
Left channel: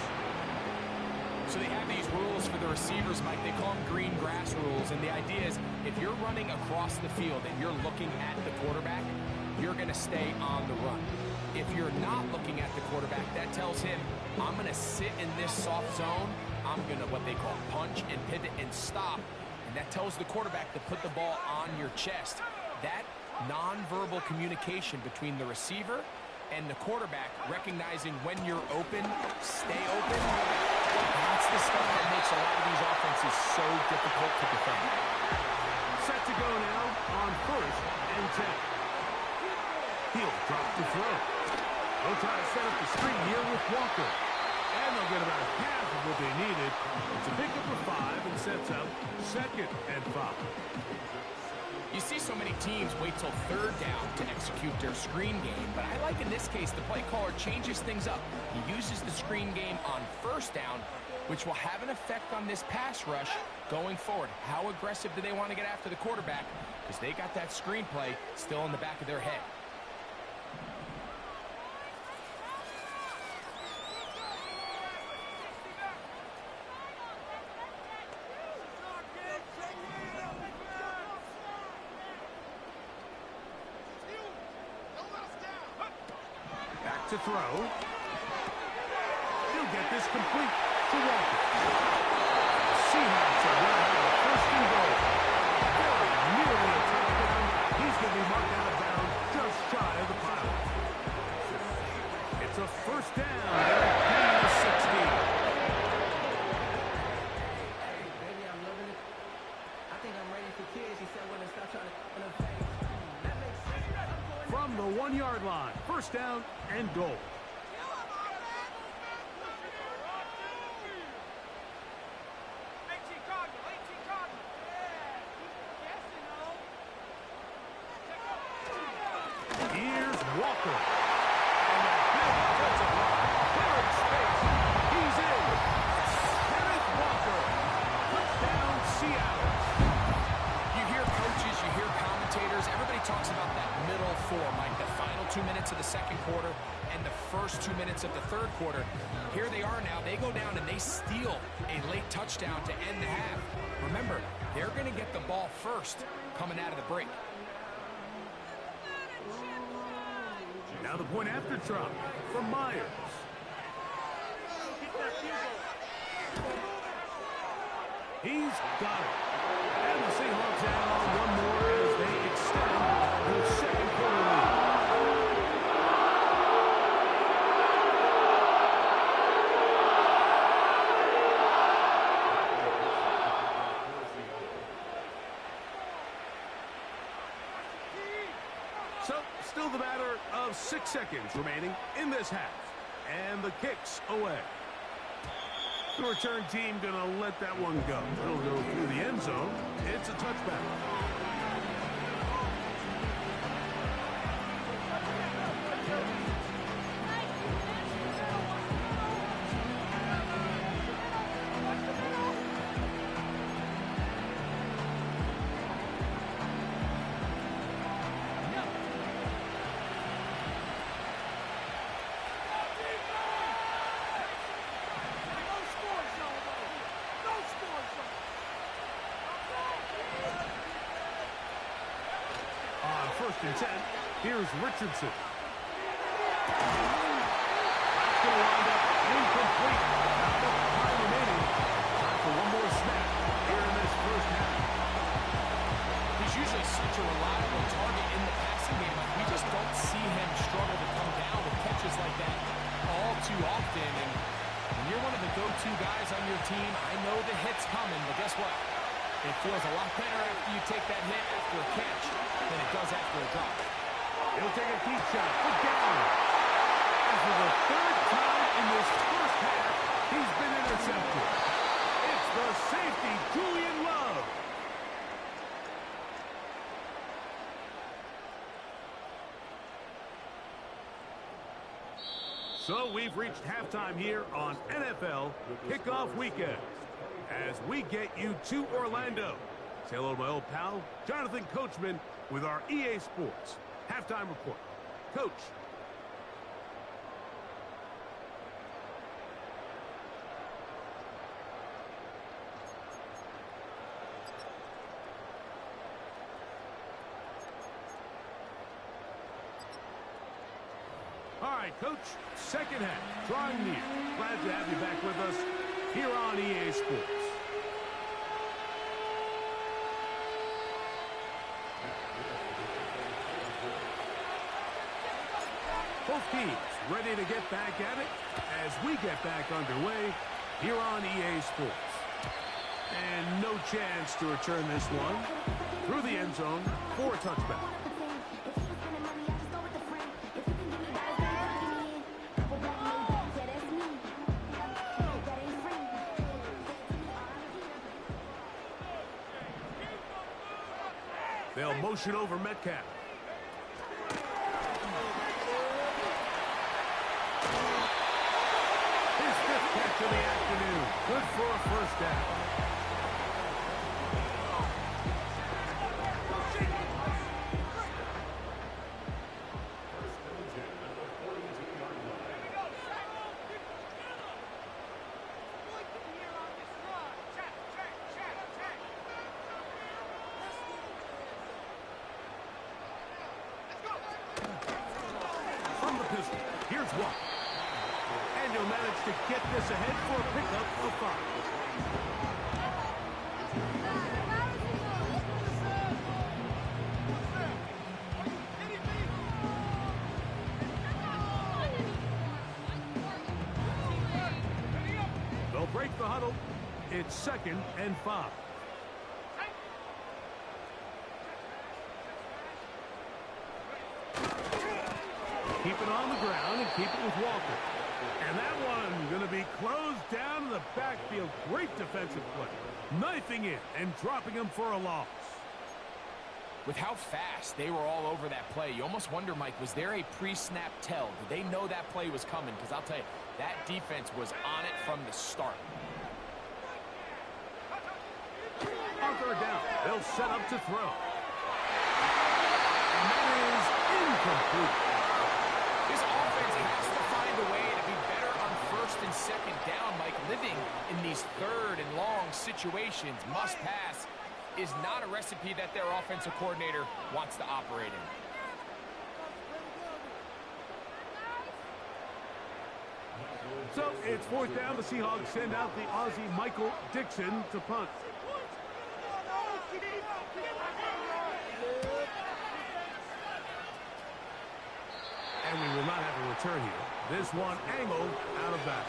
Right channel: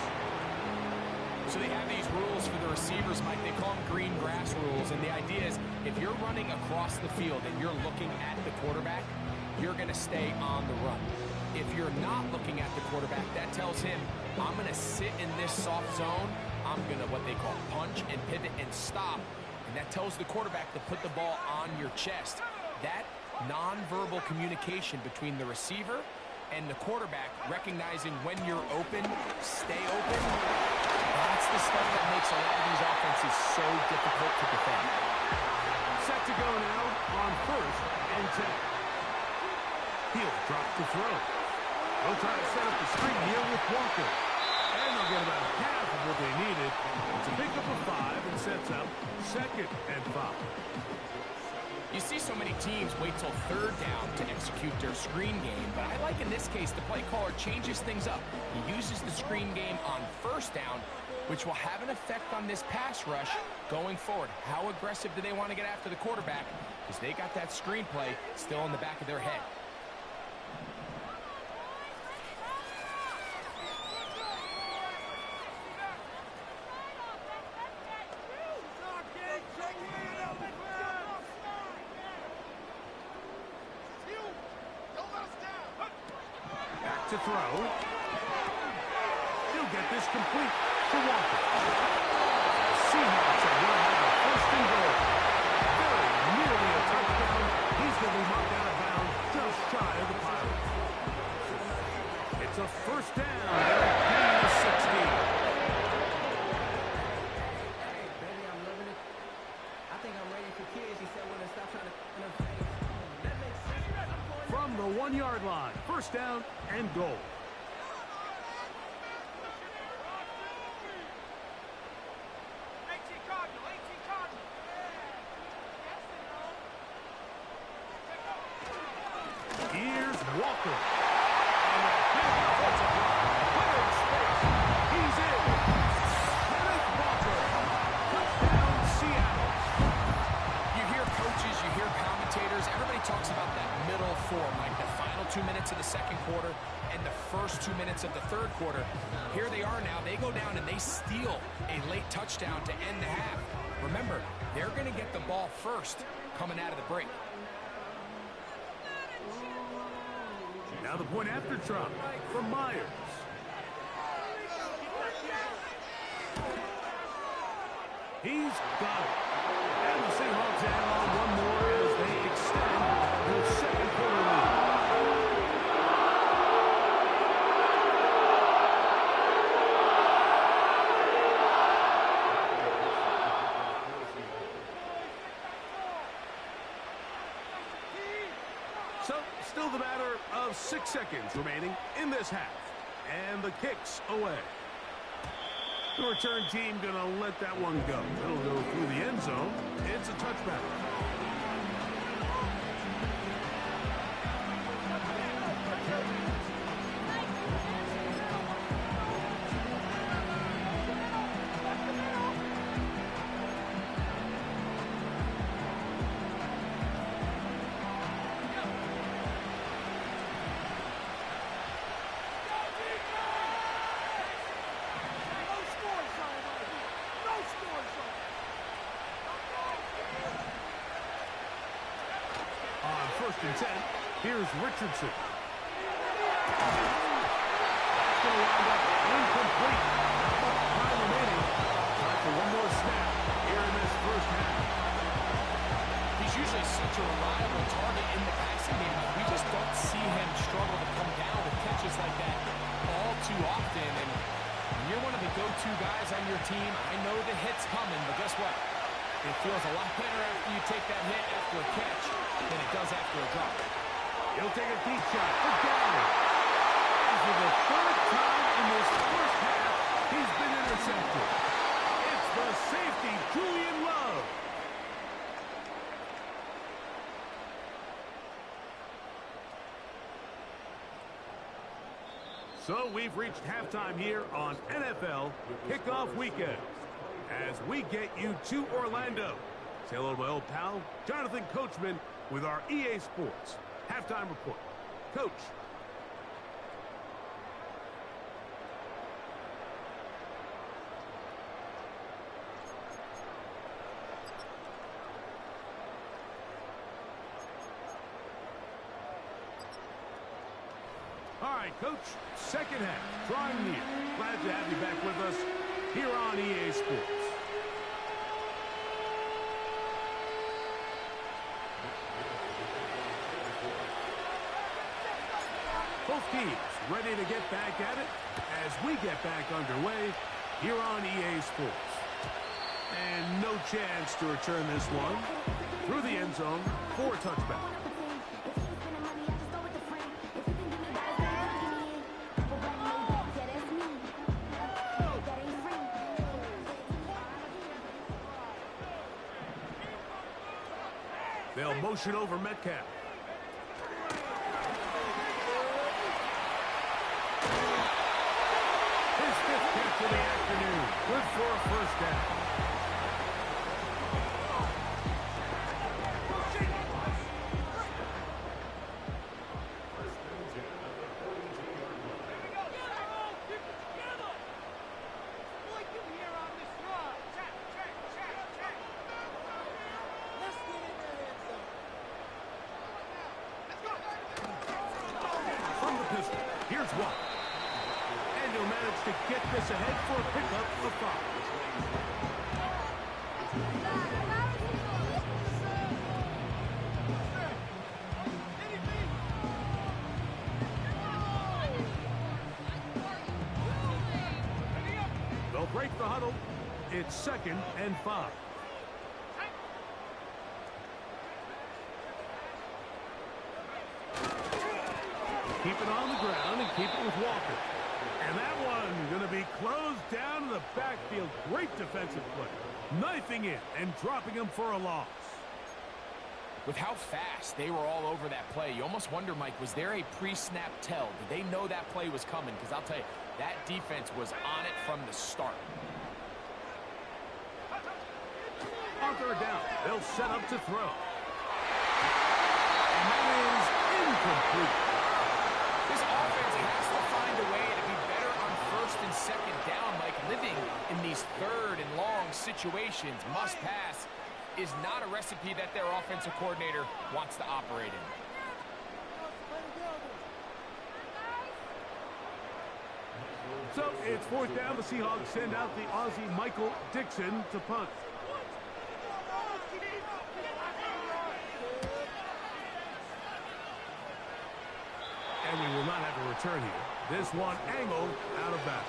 So they have these rules for the receivers, Mike. They call them green grass rules. And the idea is if you're running across the field and you're looking at the quarterback, you're going to stay on the run. If you're not looking at the quarterback, that tells him, I'm going to sit in this soft zone. I'm going to what they call punch and pivot and stop. And that tells the quarterback to put the ball on your chest. That nonverbal communication between the receiver and the quarterback, recognizing when you're open, stay open, that's the stuff that makes a lot of these offenses so difficult to defend. Set to go now on 1st and 10. He'll drop to throw. They'll try to set up the screen here with Walker. And they'll get about half of what they needed. It's a pickup of 5 and sets up 2nd and 5. You see so many teams wait till 3rd down to execute their screen game, but I like in this case the play caller changes things up. He uses the screen game on 1st down, which will have an effect on this pass rush going forward. How aggressive do they want to get after the quarterback? Because they got that screen play still in the back of their head. To throw. He'll get this complete to Walker. The Seahawks are going to have a 1st and goal. Very nearly a touchdown. He's going to be marked out of bounds just shy of the pile. It's a 1st down. They're at the 16. Hey, baby, I'm loving it. I think I'm ready for kids. He said when they stop trying to in the face. That makes sense. From the 1-yard line, 1st down and goal. Here's Walker. And a big offensive line. Clearing space. He's in. Kenneth Walker. Touchdown, Seattle. You hear coaches, you hear commentators, everybody talks about that middle 4, Mike, the final 2 minutes of the 2nd quarter and the first 2 minutes of the 3rd quarter. Here they are now. They go down and they steal a late touchdown to end the half. Remember, they're going to get the ball first coming out of the break. Now the point after try from Myers. He's got it. And the Seahawks add on one more as they extend their 2nd quarter lead. So, still the matter of 6 seconds remaining in this half. And the kick's away. The return team going to let that one go. It'll go through the end zone. It's a touchback. On 1st and 10, here's Richardson. That's going to wind up incomplete. Not much time remaining. Time for one more snap here in this 1st half. He's usually such a reliable target in the passing game. Like, we just don't see him struggle to come down with catches like that all too often. And when you're one of the go-to guys on your team, I know the hit's coming, but guess what? It feels a lot better after you take that hit after a catch than it does after a drop. He'll take a deep shot for Gallup. And for the third time in this first half, he's been intercepted. It's the safety, Julian Love. So we've reached halftime here on NFL Kickoff Weekend. As we get you to Orlando, say hello to my old pal, Jonathan Coachman, with our EA Sports Halftime Report. Coach. All right, Coach, second half, drawing near. Glad to have you back with us here on EA Sports. Both teams ready to get back at it as we get back underway here on EA Sports. And no chance to return this one through the end zone for a touchback. They'll motion over Metcalf. His fifth catch of the afternoon. Good for a first down. Here's one. And he'll manage to get this ahead for a pickup of 5. They'll break the huddle. It's 2nd and 5. Keep it on the ground and keep it with Walker. And that one going to be closed down in the backfield. Great defensive play. Knifing it and dropping him for a loss. With how fast they were all over that play, you almost wonder, Mike, was there a pre-snap tell? Did they know that play was coming? Because I'll tell you, that defense was on it from the start. On third down, they'll set up to throw. And that is incomplete. This offense has to find a way to be better on 1st and 2nd down, Mike. Living in these 3rd and long situations, must pass, is not a recipe that their offensive coordinator wants to operate in. So it's 4th down. The Seahawks send out the Aussie Michael Dixon to punt. And we will not have a return here. This one angled out of bounds.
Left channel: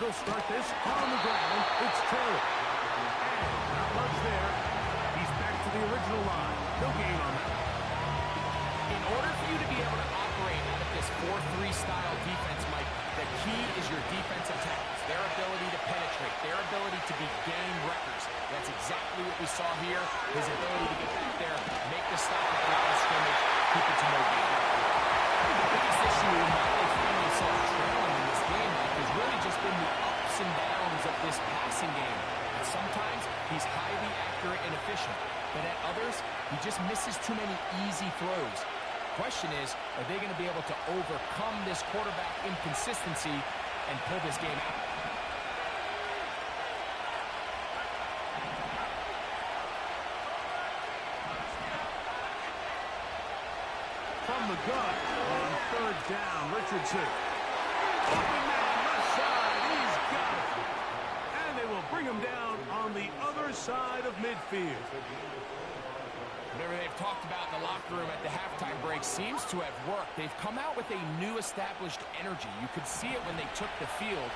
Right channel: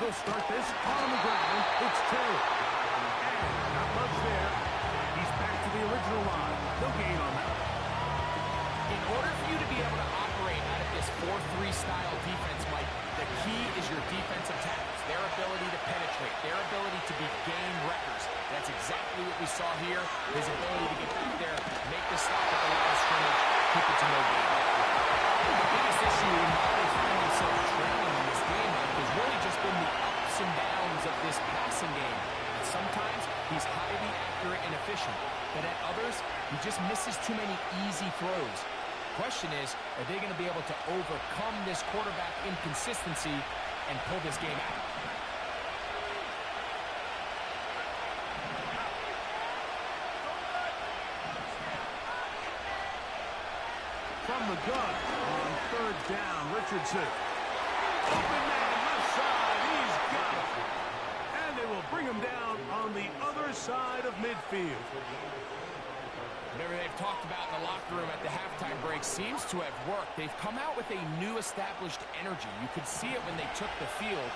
They'll start this on the ground. It's Taylor. And not much there. He's back to the original line. No gain on that. In order for you to be able to operate out of this 4-3 style defense, Mike, the key is your defensive tackles, their ability to penetrate, their ability to be game wreckers. That's exactly what we saw here. His ability to get back there, make the stop at the line of scrimmage, keep it to no gain. The biggest issue in why they find themselves trailing in this game, Mike, has really just been the ups and downs of this passing game. And sometimes he's highly accurate and efficient, but at others, he just misses too many easy throws. Question is, are they going to be able to overcome this quarterback inconsistency and pull this game out? from the gun on third down. Richardson. Open man, left side. He's got it. And they will bring him down on the other side of midfield. Whatever they've talked about in the locker room at the halftime break seems to have worked. They've come out with a new established energy. You could see it when they took the field.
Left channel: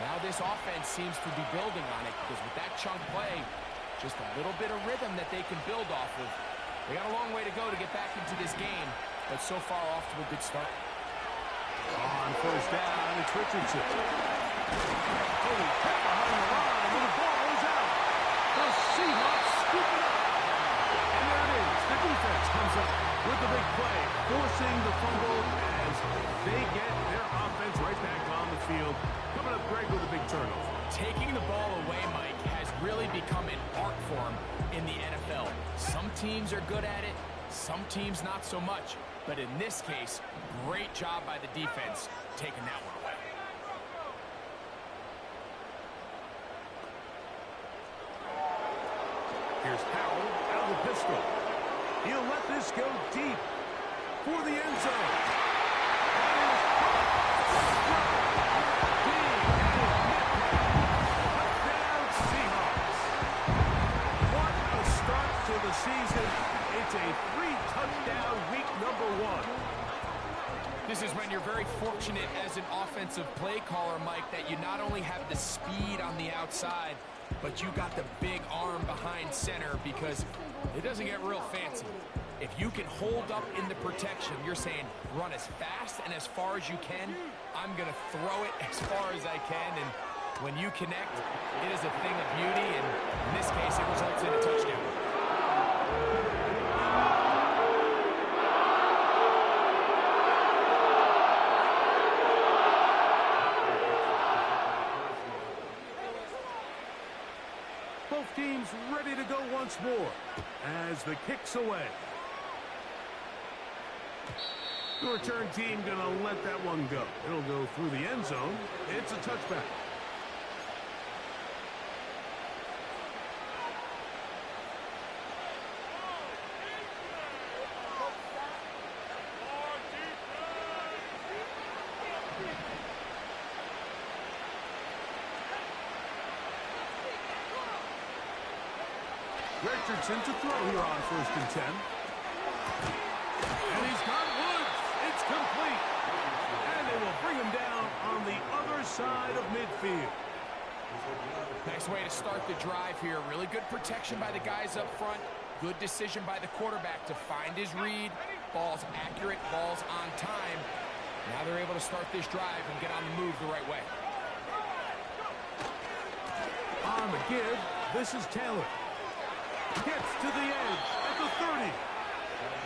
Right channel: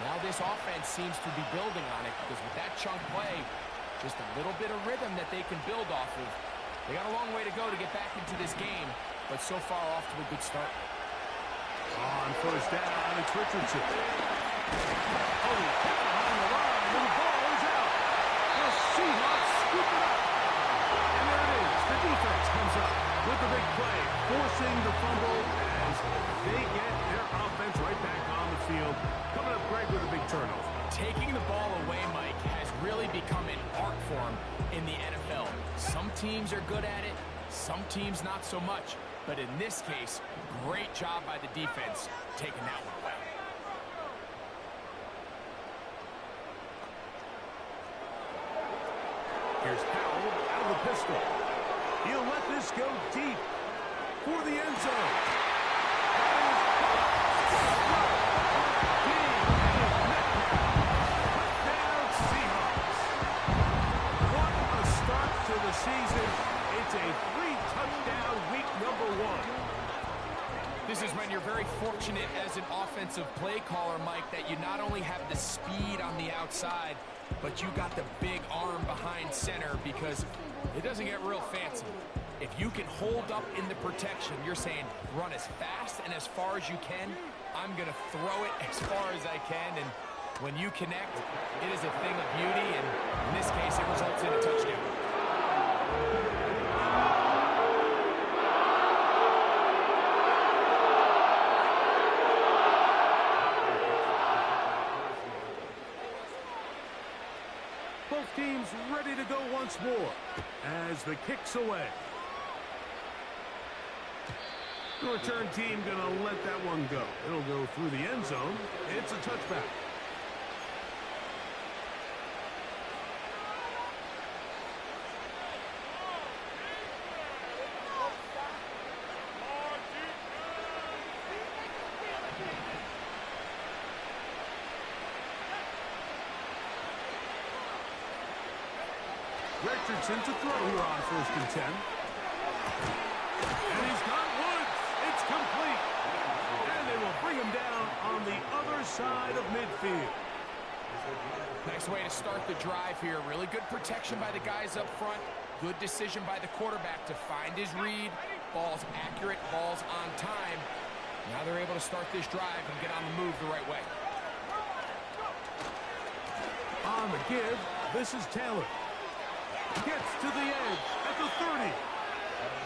Now this offense seems to be building on it because with that chunk play, just a little bit of rhythm that they can build off of. They got a long way to go to get back into this game, but so far off to a good start. On first down, it's Richardson. Oh, he hit behind the line, and the ball is out. The Seahawks scoop it up. And there it is. The defense comes up with the big play, forcing the fumble as they get their offense right back on the field. Coming up, Greg, with a big turnover. Taking the ball away, Mike, has really become an art form in the NFL. Some teams are good at it, some teams not so much. But in this case, great job by the defense taking that one away. Here's Howell out of the pistol. He'll let this go deep for the end zone. That is caught. Big and Metcalf. Touchdown Seahawks. What a start to the season. It's a 3-touchdown week number 1. This is when you're very fortunate as an offensive play caller, Mike, that you not only have the speed on the outside, but you got the big arm behind center because it doesn't get real fancy. If you can hold up in the protection, you're saying run as fast and as far as you can. I'm going to throw it as far as I can, and when you connect, it is a thing of beauty, and in this case, it results in a touchdown. Both teams ready to go once more as the kick's away. The return team going to let that one go. It'll go through the end zone. It's a touchback. Richardson to throw here on 1st and 10. And he's got Woods. It's complete. And they will bring him down on the other side of midfield. Nice way to start the drive here. Really good protection by the guys up front. Good decision by the quarterback to find his read. Ball's accurate, ball's on time. Now they're able to start this drive and get on the move the right way. On the give, this is Taylor. Gets to the edge at the 30.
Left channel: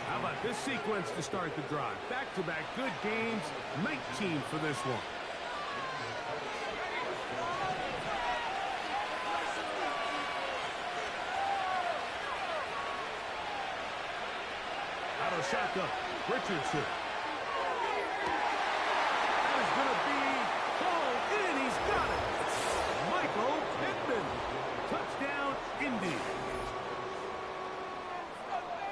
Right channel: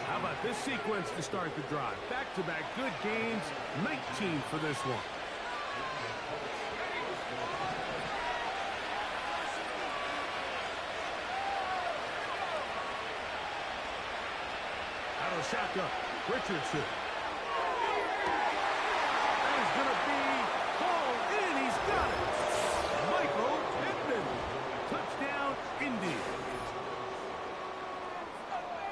How about this sequence to start the drive? Back-to-back good games, 19 for this one. Out of shotgun, Richardson. That is going to be hauled in. He's got it. Michael Pittman. Touchdown, Indy.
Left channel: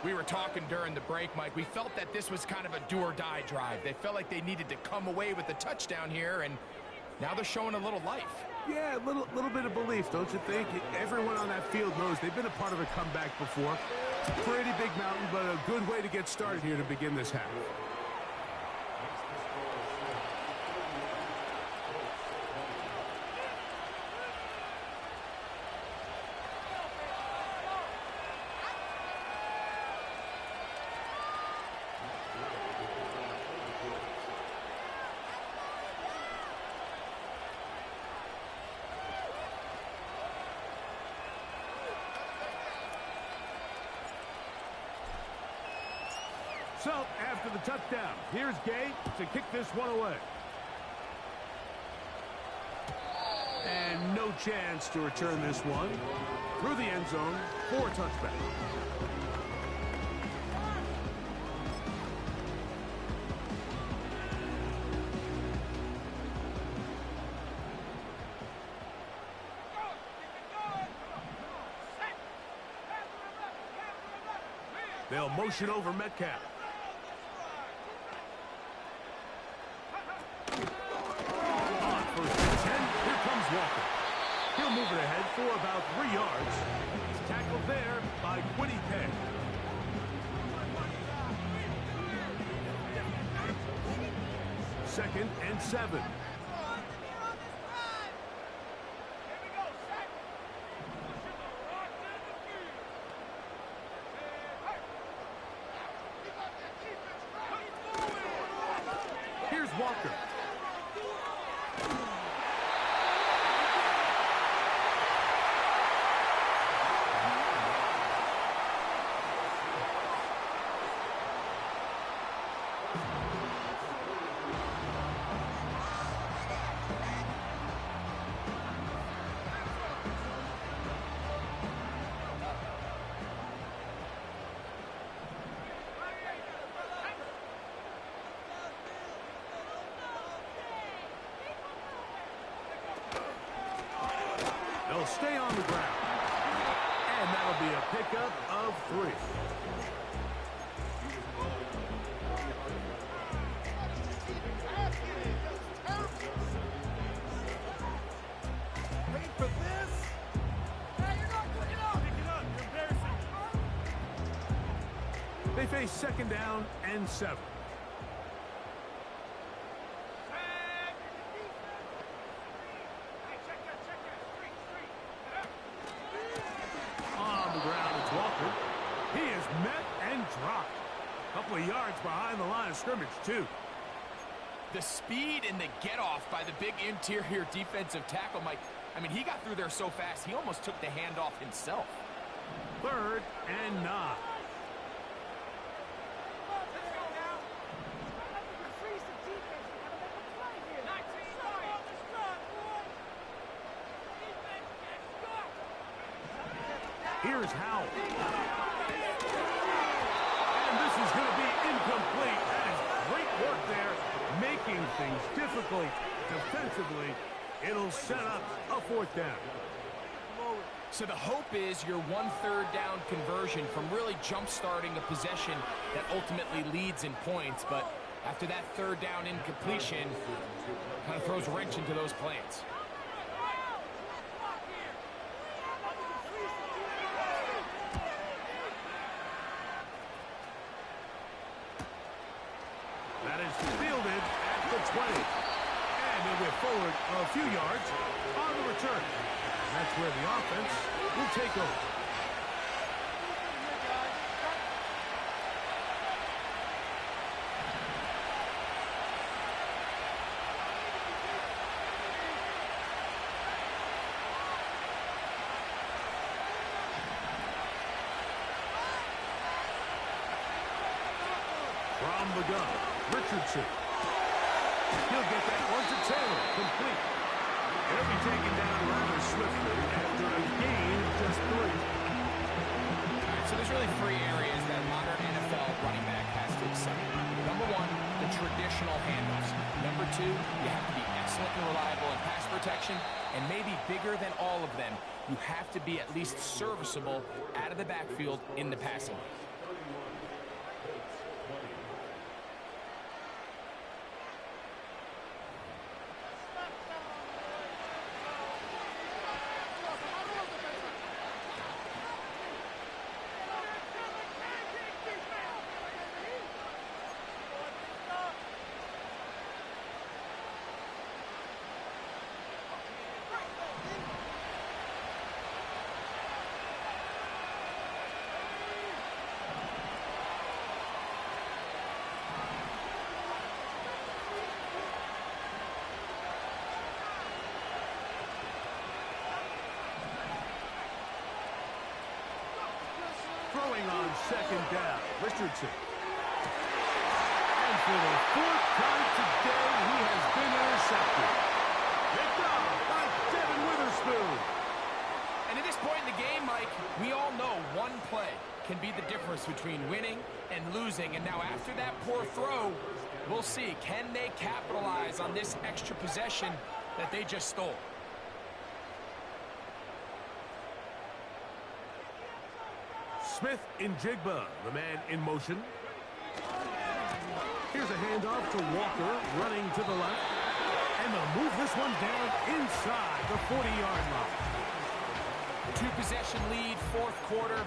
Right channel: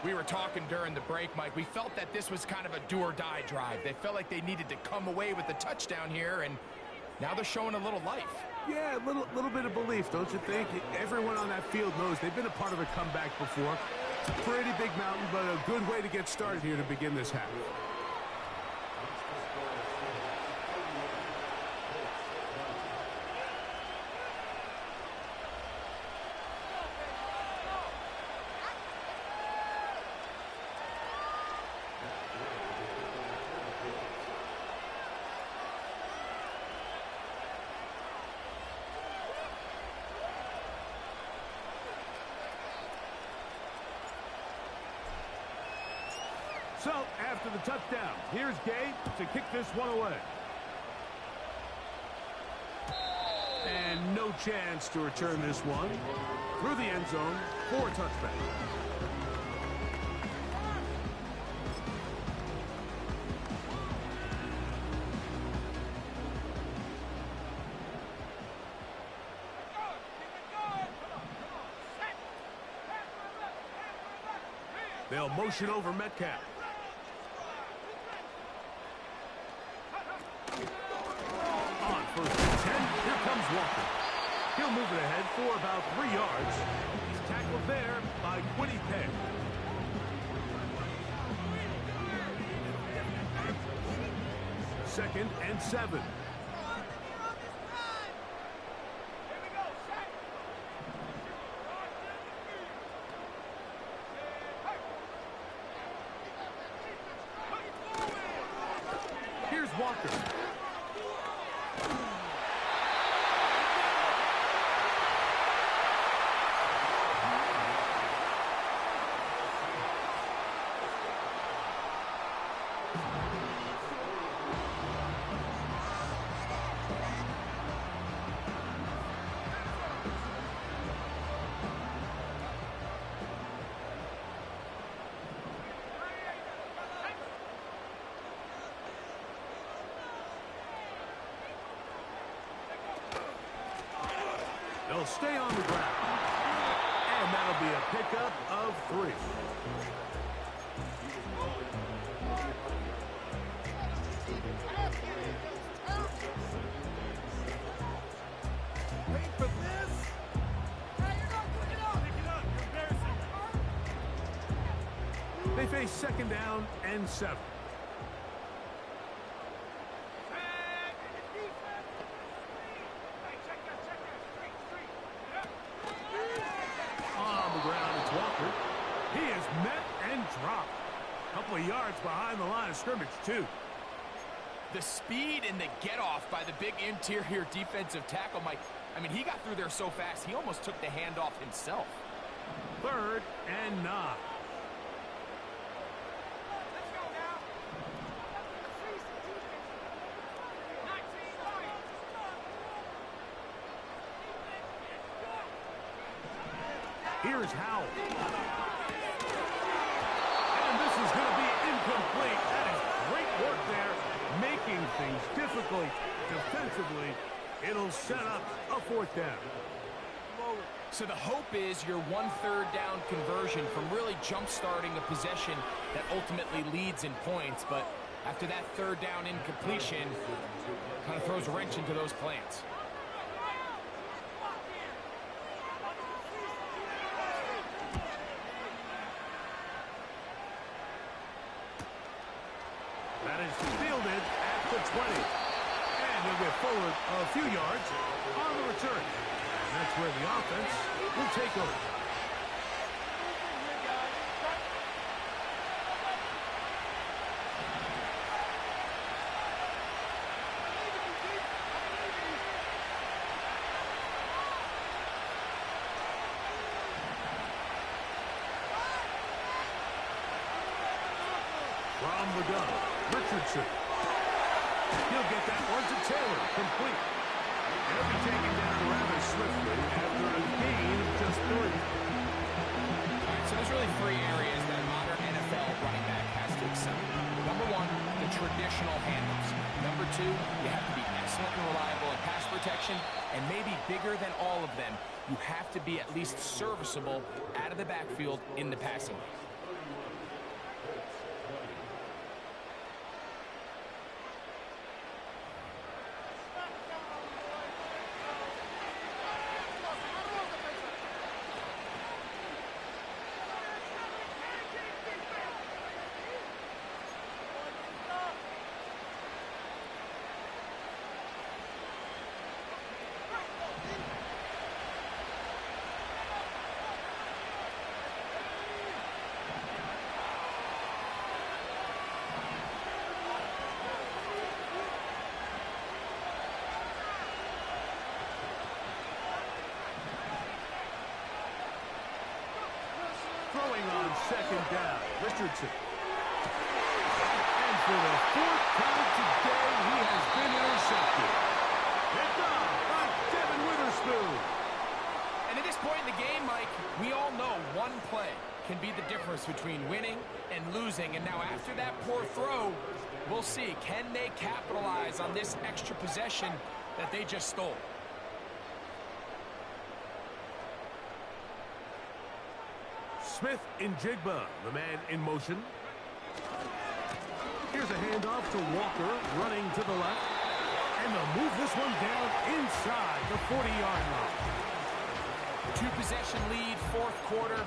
We were talking during the break, Mike. We felt that this was kind of a do-or-die drive. They felt like they needed to come away with a touchdown here, and now they're showing a little life. Yeah, a little bit of belief, don't you think? Everyone on that field knows they've been a part of a comeback before. It's a pretty big mountain, but a good way to get started here to begin this half. So, after the touchdown, here's Gay to kick this one away. And no chance to return this one through the end zone for a touchback. They'll motion over Metcalf. Walker. He'll move it ahead for about 3 yards. He's tackled there by Quiddy Pay. Second and 7. Here's Walker. They'll stay on the ground. And that'll be a pickup of 3. Wait for this. Hey, you're not quick enough. Pick it up. You're embarrassing. They face second down and 7. On the ground, it's Walker. He is met and dropped. A couple of yards behind the line of scrimmage, too. The speed and the get-off by the big interior defensive tackle, Mike. I mean, he got through there so fast, he almost took the handoff himself. Third and 9. Let's go now. Freeze the defense. We gotta make a play here. 19 right. Defense gets stuck. Here's Howell. And this is going to be incomplete. That is great work there, making things difficult defensively. It'll set up a 4th down. So the hope is your 1/3 down conversion from really jump-starting a possession that ultimately leads in points. But after that 3rd down incompletion, kind of throws a wrench into those plans. That is fielded at the 20. And he'll get forward a few yards on the return. And that's where the offense will take over. From the gun, Richardson. He'll get that one to Taylor, complete. He'll be taken down rather swiftly after a gain of just 3. All right, so there's really 3 areas that modern NFL running back has to excel. Number 1, the traditional handoffs. Number 2, you have to be excellent and reliable in pass protection. And maybe bigger than all of them, you have to be at least serviceable out of the backfield in the passing game. Throwing on second down, Richardson. And for the 4th time today, he has been intercepted. Picked off by Devin Witherspoon. And at this point in the game, Mike, we all know one play can be the difference between winning and losing. And now after that poor throw, we'll see, can they capitalize on this extra possession that they just stole? Smith in Jigba, the man in motion. Here's a handoff to Walker, running to the left. And they'll move this one down inside the 40-yard line. 2-possession lead, fourth quarter.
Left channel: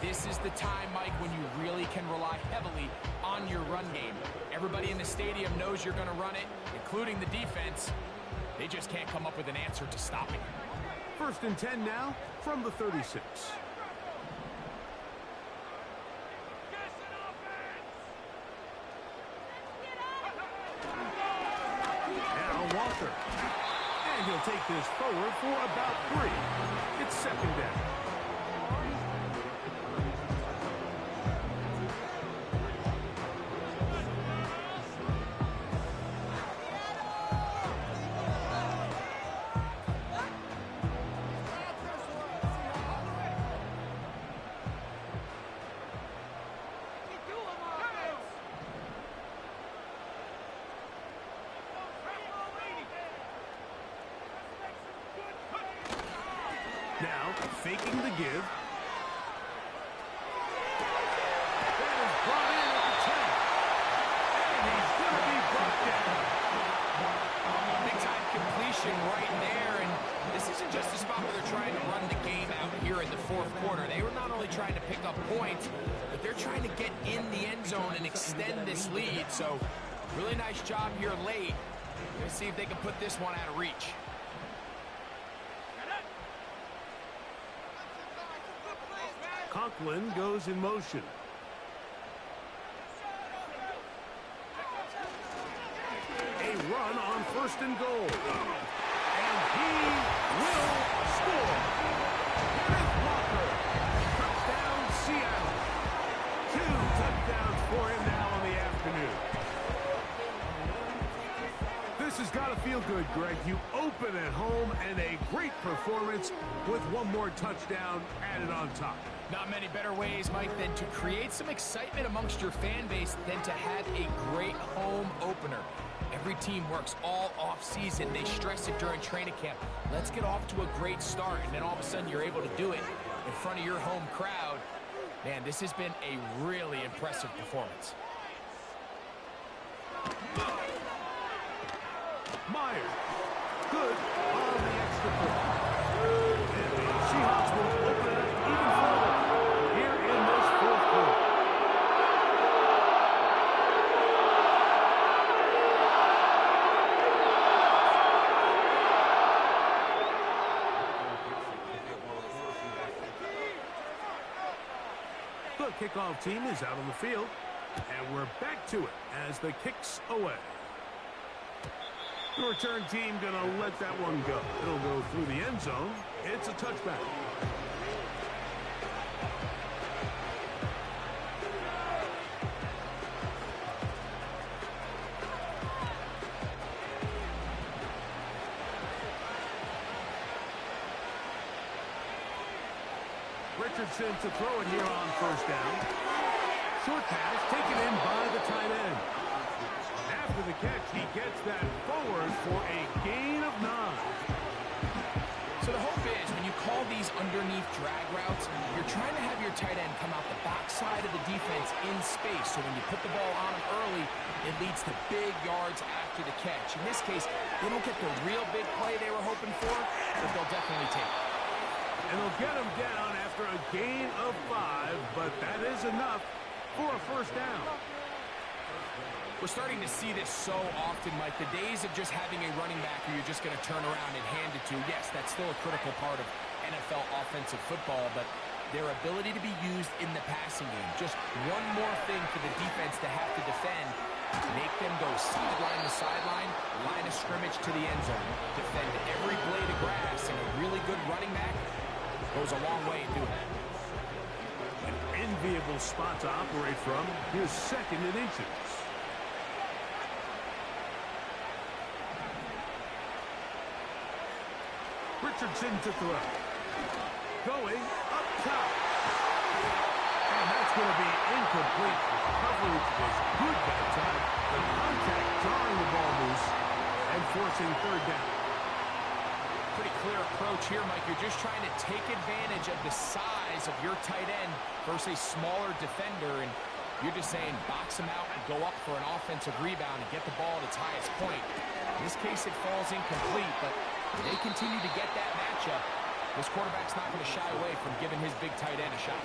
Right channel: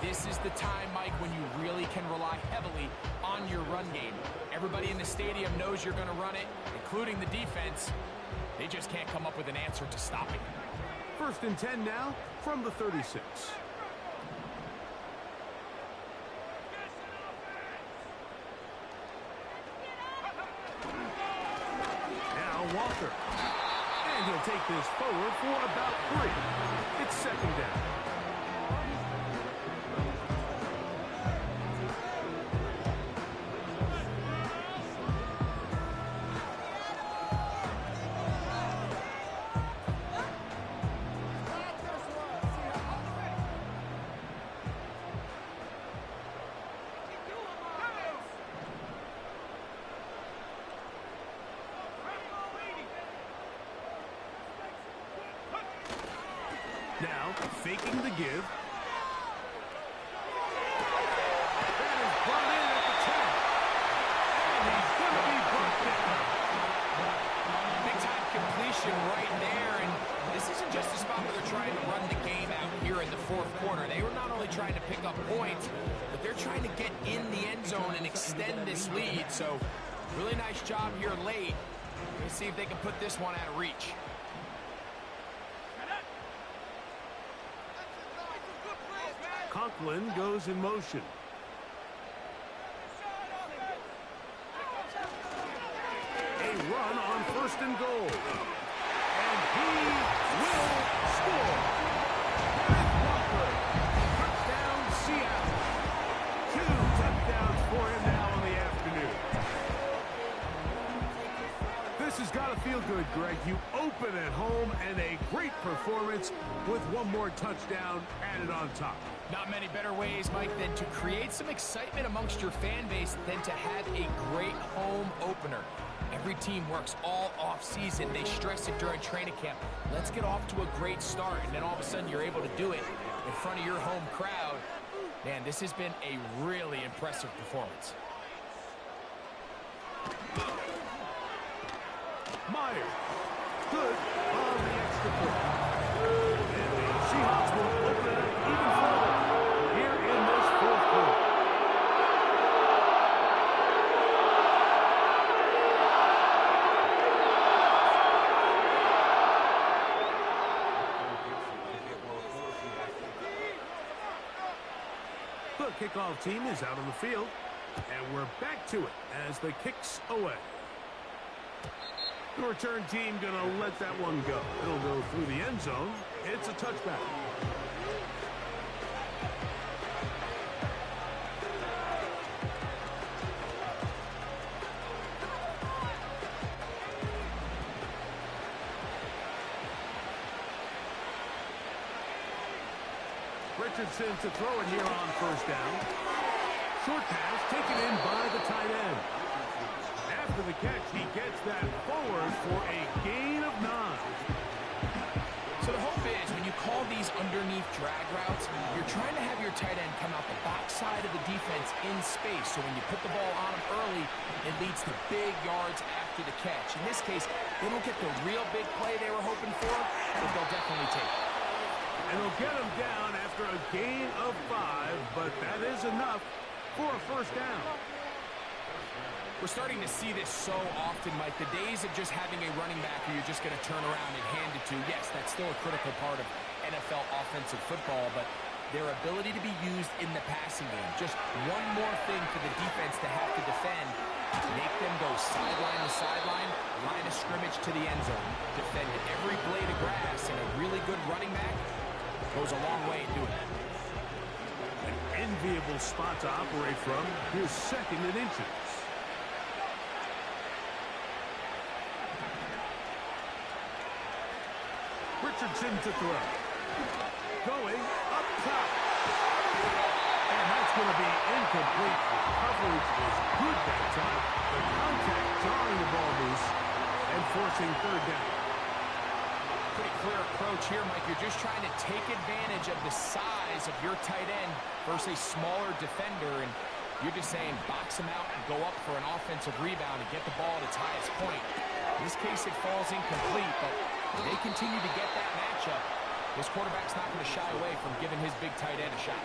This is the time, Mike, when you really can rely heavily on your run game. Everybody in the stadium knows you're going to run it, including the defense. They just can't come up with an answer to stop it. 1st and 10 now from the 36. Now Walker. And he'll take this forward for about 3. It's 2nd down. Now, faking the give. That is brought in at the 10. And he's going to be brought down. Big-time completion right there, and this isn't just a spot where they're trying to run the game out here in the fourth quarter. They were not only trying to pick up points, but they're trying to get in the end zone and extend this lead. So, really nice job here late. Let's see if they can put this one out of reach. Conklin goes in motion. A run on 1st and goal. And he will score. Kenneth Walker. Touchdown, Seattle. 2 touchdowns for him now in the afternoon. This has got to feel good, Greg. You open at home and a great performance with one more touchdown added on top. Not many better ways, Mike, than to create some excitement amongst your fan base than to have a great home opener. Every team works all off-season. They stress it during training camp. Let's get off to a great start, and then all of a sudden you're able to do it in front of your home crowd. Man, this has been a really impressive performance. Myers. Good on the extra point. And the Seahawks will open it up even further here in this fourth quarter. The kickoff team is out on the field, and we're back to it as the kick's away. The return team going to let that one go. It'll go through the end zone. It's a touchback. Richardson to throw it here on 1st down. Short pass taken in by the tight end. After the catch, he gets that forward for a gain of 9. So the hope is when you call these underneath drag routes, you're trying to have your tight end come out the backside of the defense in space. So when you put the ball on him early, it leads to big yards after the catch. In this case, they don't get the real big play they were hoping for, but they'll definitely take it. And they'll get him down after a gain of 5, but that is enough for a 1st down. We're starting to see this so often, Mike. The days of just having a running back who you're just going to turn around and hand it to, yes, that's still a critical part of NFL offensive football, but their ability to be used in the passing game, just one more thing for the defense to have to defend, make them go sideline to sideline, line of scrimmage to the end zone, defend every blade of grass, and a really good running back goes a long way in doing that. An enviable spot to operate from. Here's 2nd and inches. Richardson to throw. Going up top. And that's going to be incomplete. Coverage was good that time. The contact drawing the ball loose and forcing 3rd down. Pretty clear approach here, Mike. You're just trying to take advantage of the size of your tight end versus a smaller defender. And You're just saying box him out and go up for an offensive rebound and get the ball at its highest point. In this case, it falls incomplete, but if they continue to get that matchup, this quarterback's not going to shy away from giving his big tight end a shot.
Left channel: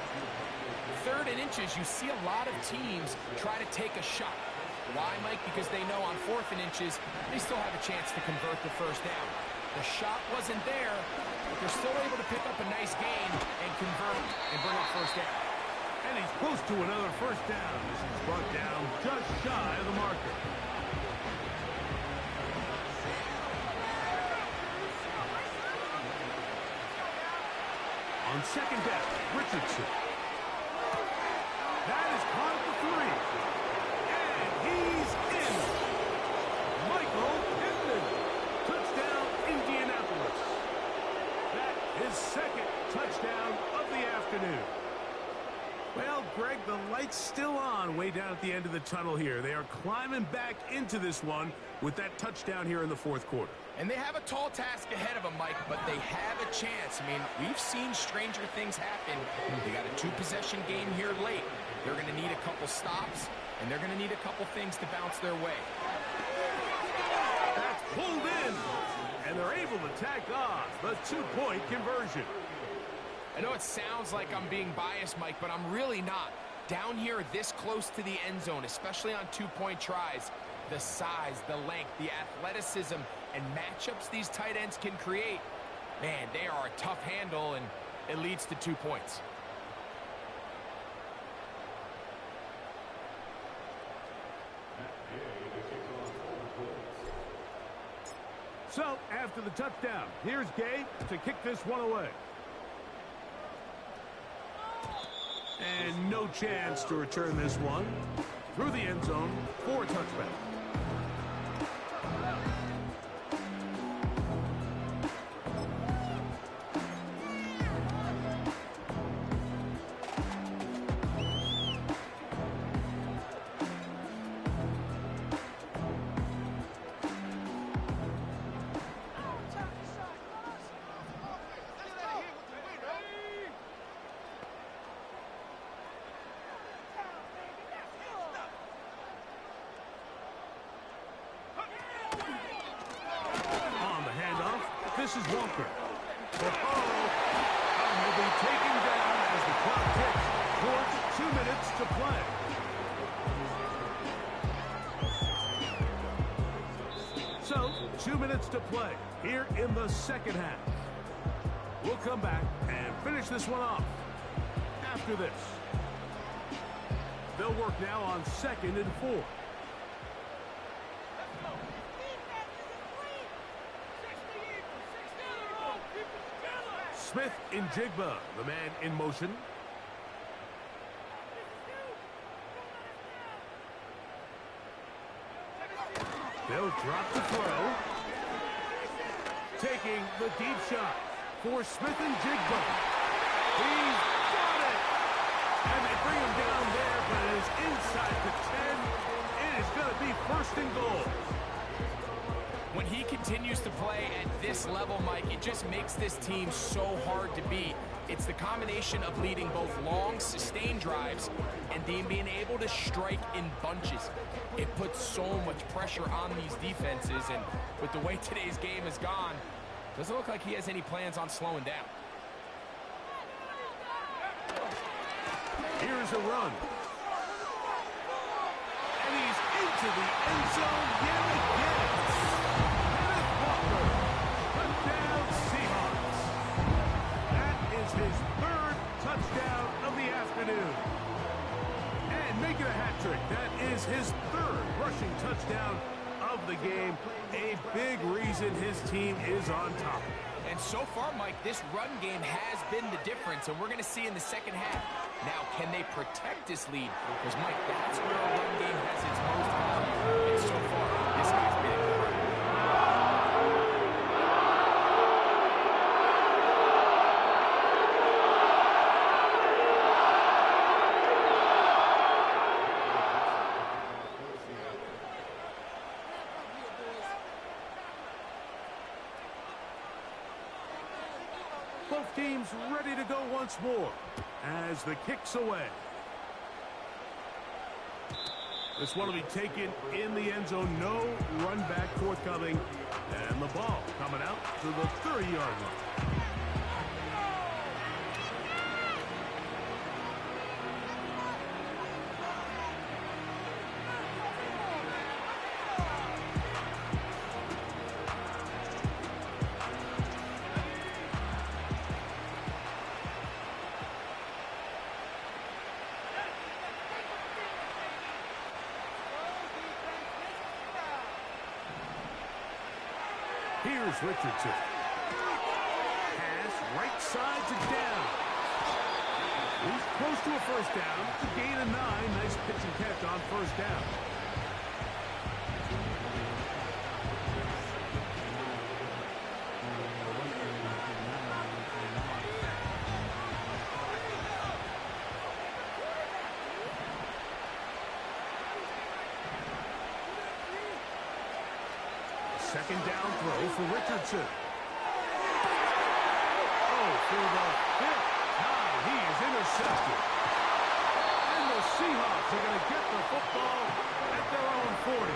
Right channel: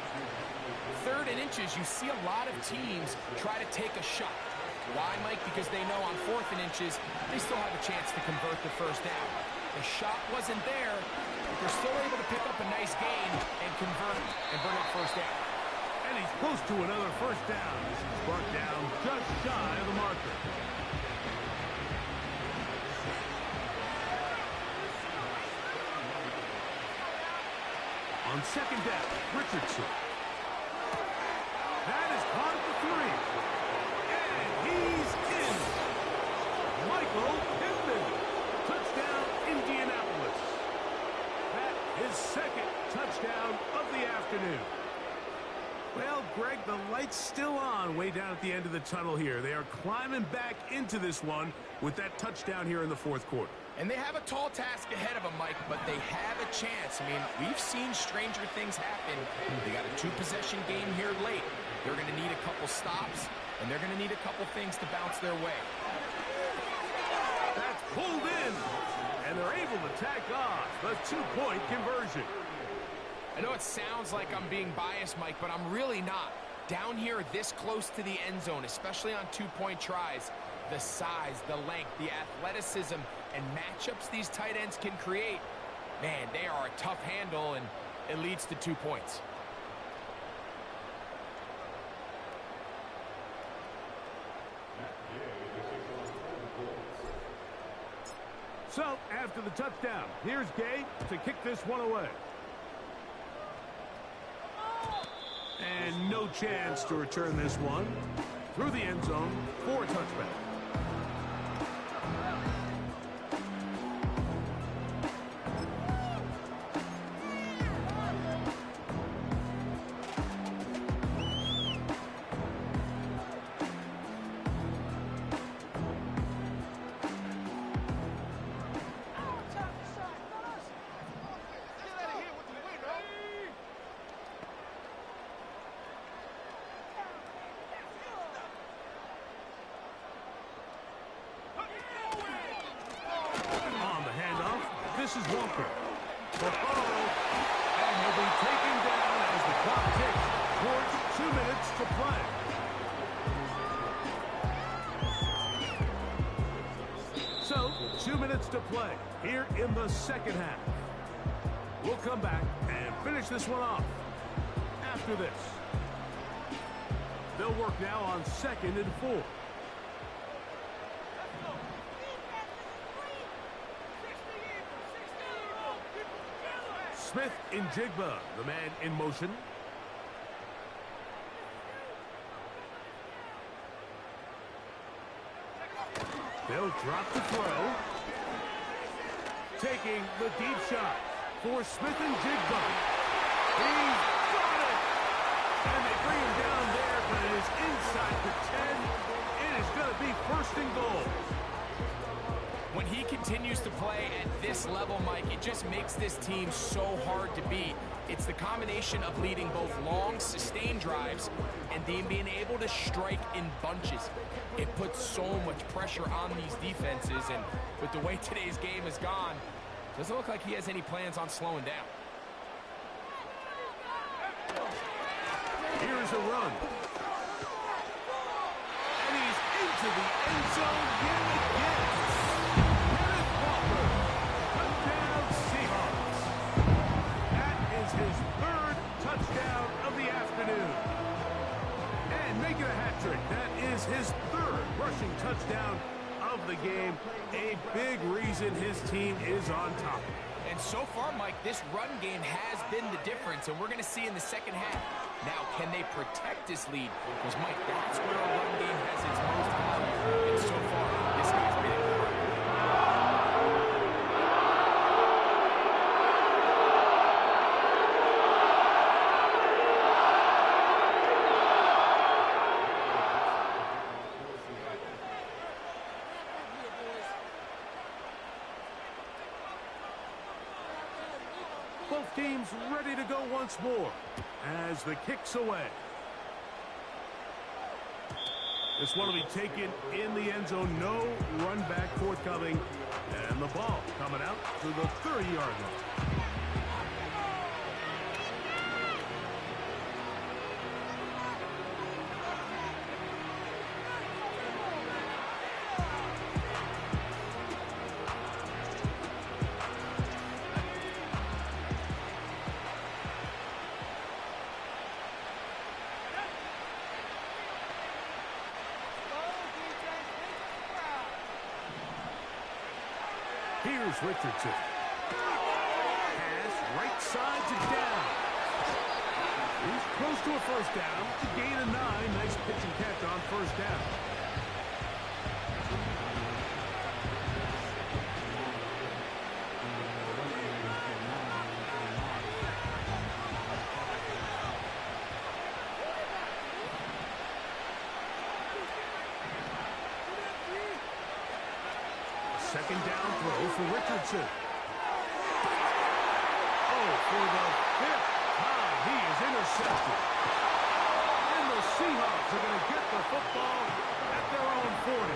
3rd and inches, you see a lot of teams try to take a shot. Why, Mike? Because they know on 4th and inches, they still have a chance to convert the first down. The shot wasn't there, but they're still able to pick up a nice gain and convert and bring up first down. And he's close to another first down. This is brought down just shy of the marker. On 2nd down, Richardson. That is caught at the 3. And he's in. Michael Pittman. Touchdown, Indianapolis. That is 2nd touchdown of the afternoon. Well, Greg, the light's still on way down at the end of the tunnel here. They are climbing back into this one with that touchdown here in the 4th quarter. And they have a tall task ahead of them, Mike, but they have a chance. I mean, we've seen stranger things happen. They got a 2-possession game here late. They're going to need a couple stops, and they're going to need a couple things to bounce their way. That's pulled in, and they're able to tack on the 2-point conversion. I know it sounds like I'm being biased, Mike, but I'm really not. Down here this close to the end zone, especially on 2-point tries, the size, the length, the athleticism, and matchups these tight ends can create, man, they are a tough handle, and it leads to 2 points. So, after the touchdown, here's Gay to kick this one away. And no chance to return this one through the end zone for a touchback. This is Walker. And he'll be taken down as the clock ticks towards 2 minutes to play. So, 2 minutes to play here in the 2nd half. We'll come back and finish this one off after this. They'll work now on 2nd and 4. Smith in Jigba, the man in motion. They'll drop the throw. Taking the deep shot for Smith and Jigba. He's got it! And they bring him down there, but it is inside the 10. It is going to be 1st and goal. When he continues to play at this level, Mike, it just makes this team so hard to beat. It's the combination of leading both long, sustained drives and then being able to strike in bunches. It puts so much pressure on these defenses, and with the way today's game has gone, doesn't look like he has any plans on slowing down. Here's a run. And he's into the end zone yet again. His 3rd touchdown of the afternoon. And make it a hat trick. That is his 3rd rushing touchdown of the game. A big reason his team is on top. And so far, Mike, this run game has been the difference, and we're going to see in the 2nd half. Now, can they protect this lead? Because, Mike, that's where a run game has its most value. And so far, this guy's been incredible. Both teams ready to go once more as the kick's away. This one will be taken in the end zone. No run back forthcoming. And the ball coming out to the 30-yard line. Here's Richardson. Pass right side to down. He's close to a first down. It's a gain of 9. Nice pitch and catch on first down. Second down throw for Richardson. Oh, for the 5th time, he is intercepted. And the Seahawks are going to get the football at their own 40.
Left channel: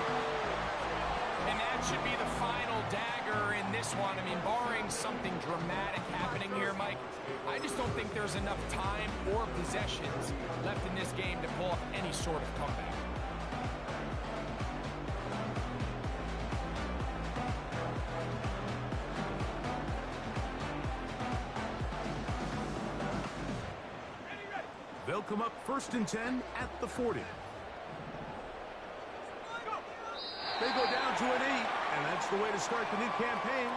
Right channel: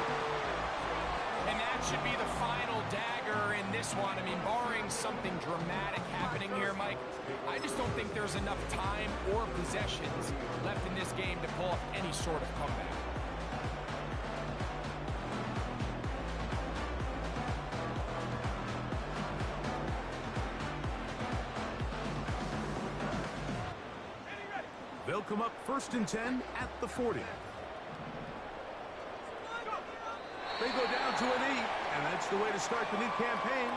And that should be the final dagger in this one. I mean, barring something dramatic happening here, Mike, I just don't think there's enough time or possessions left in this game to pull off any sort of comeback. They'll come up 1st and 10 at the 40. They go down to an 8, and that's the way to start the new campaign.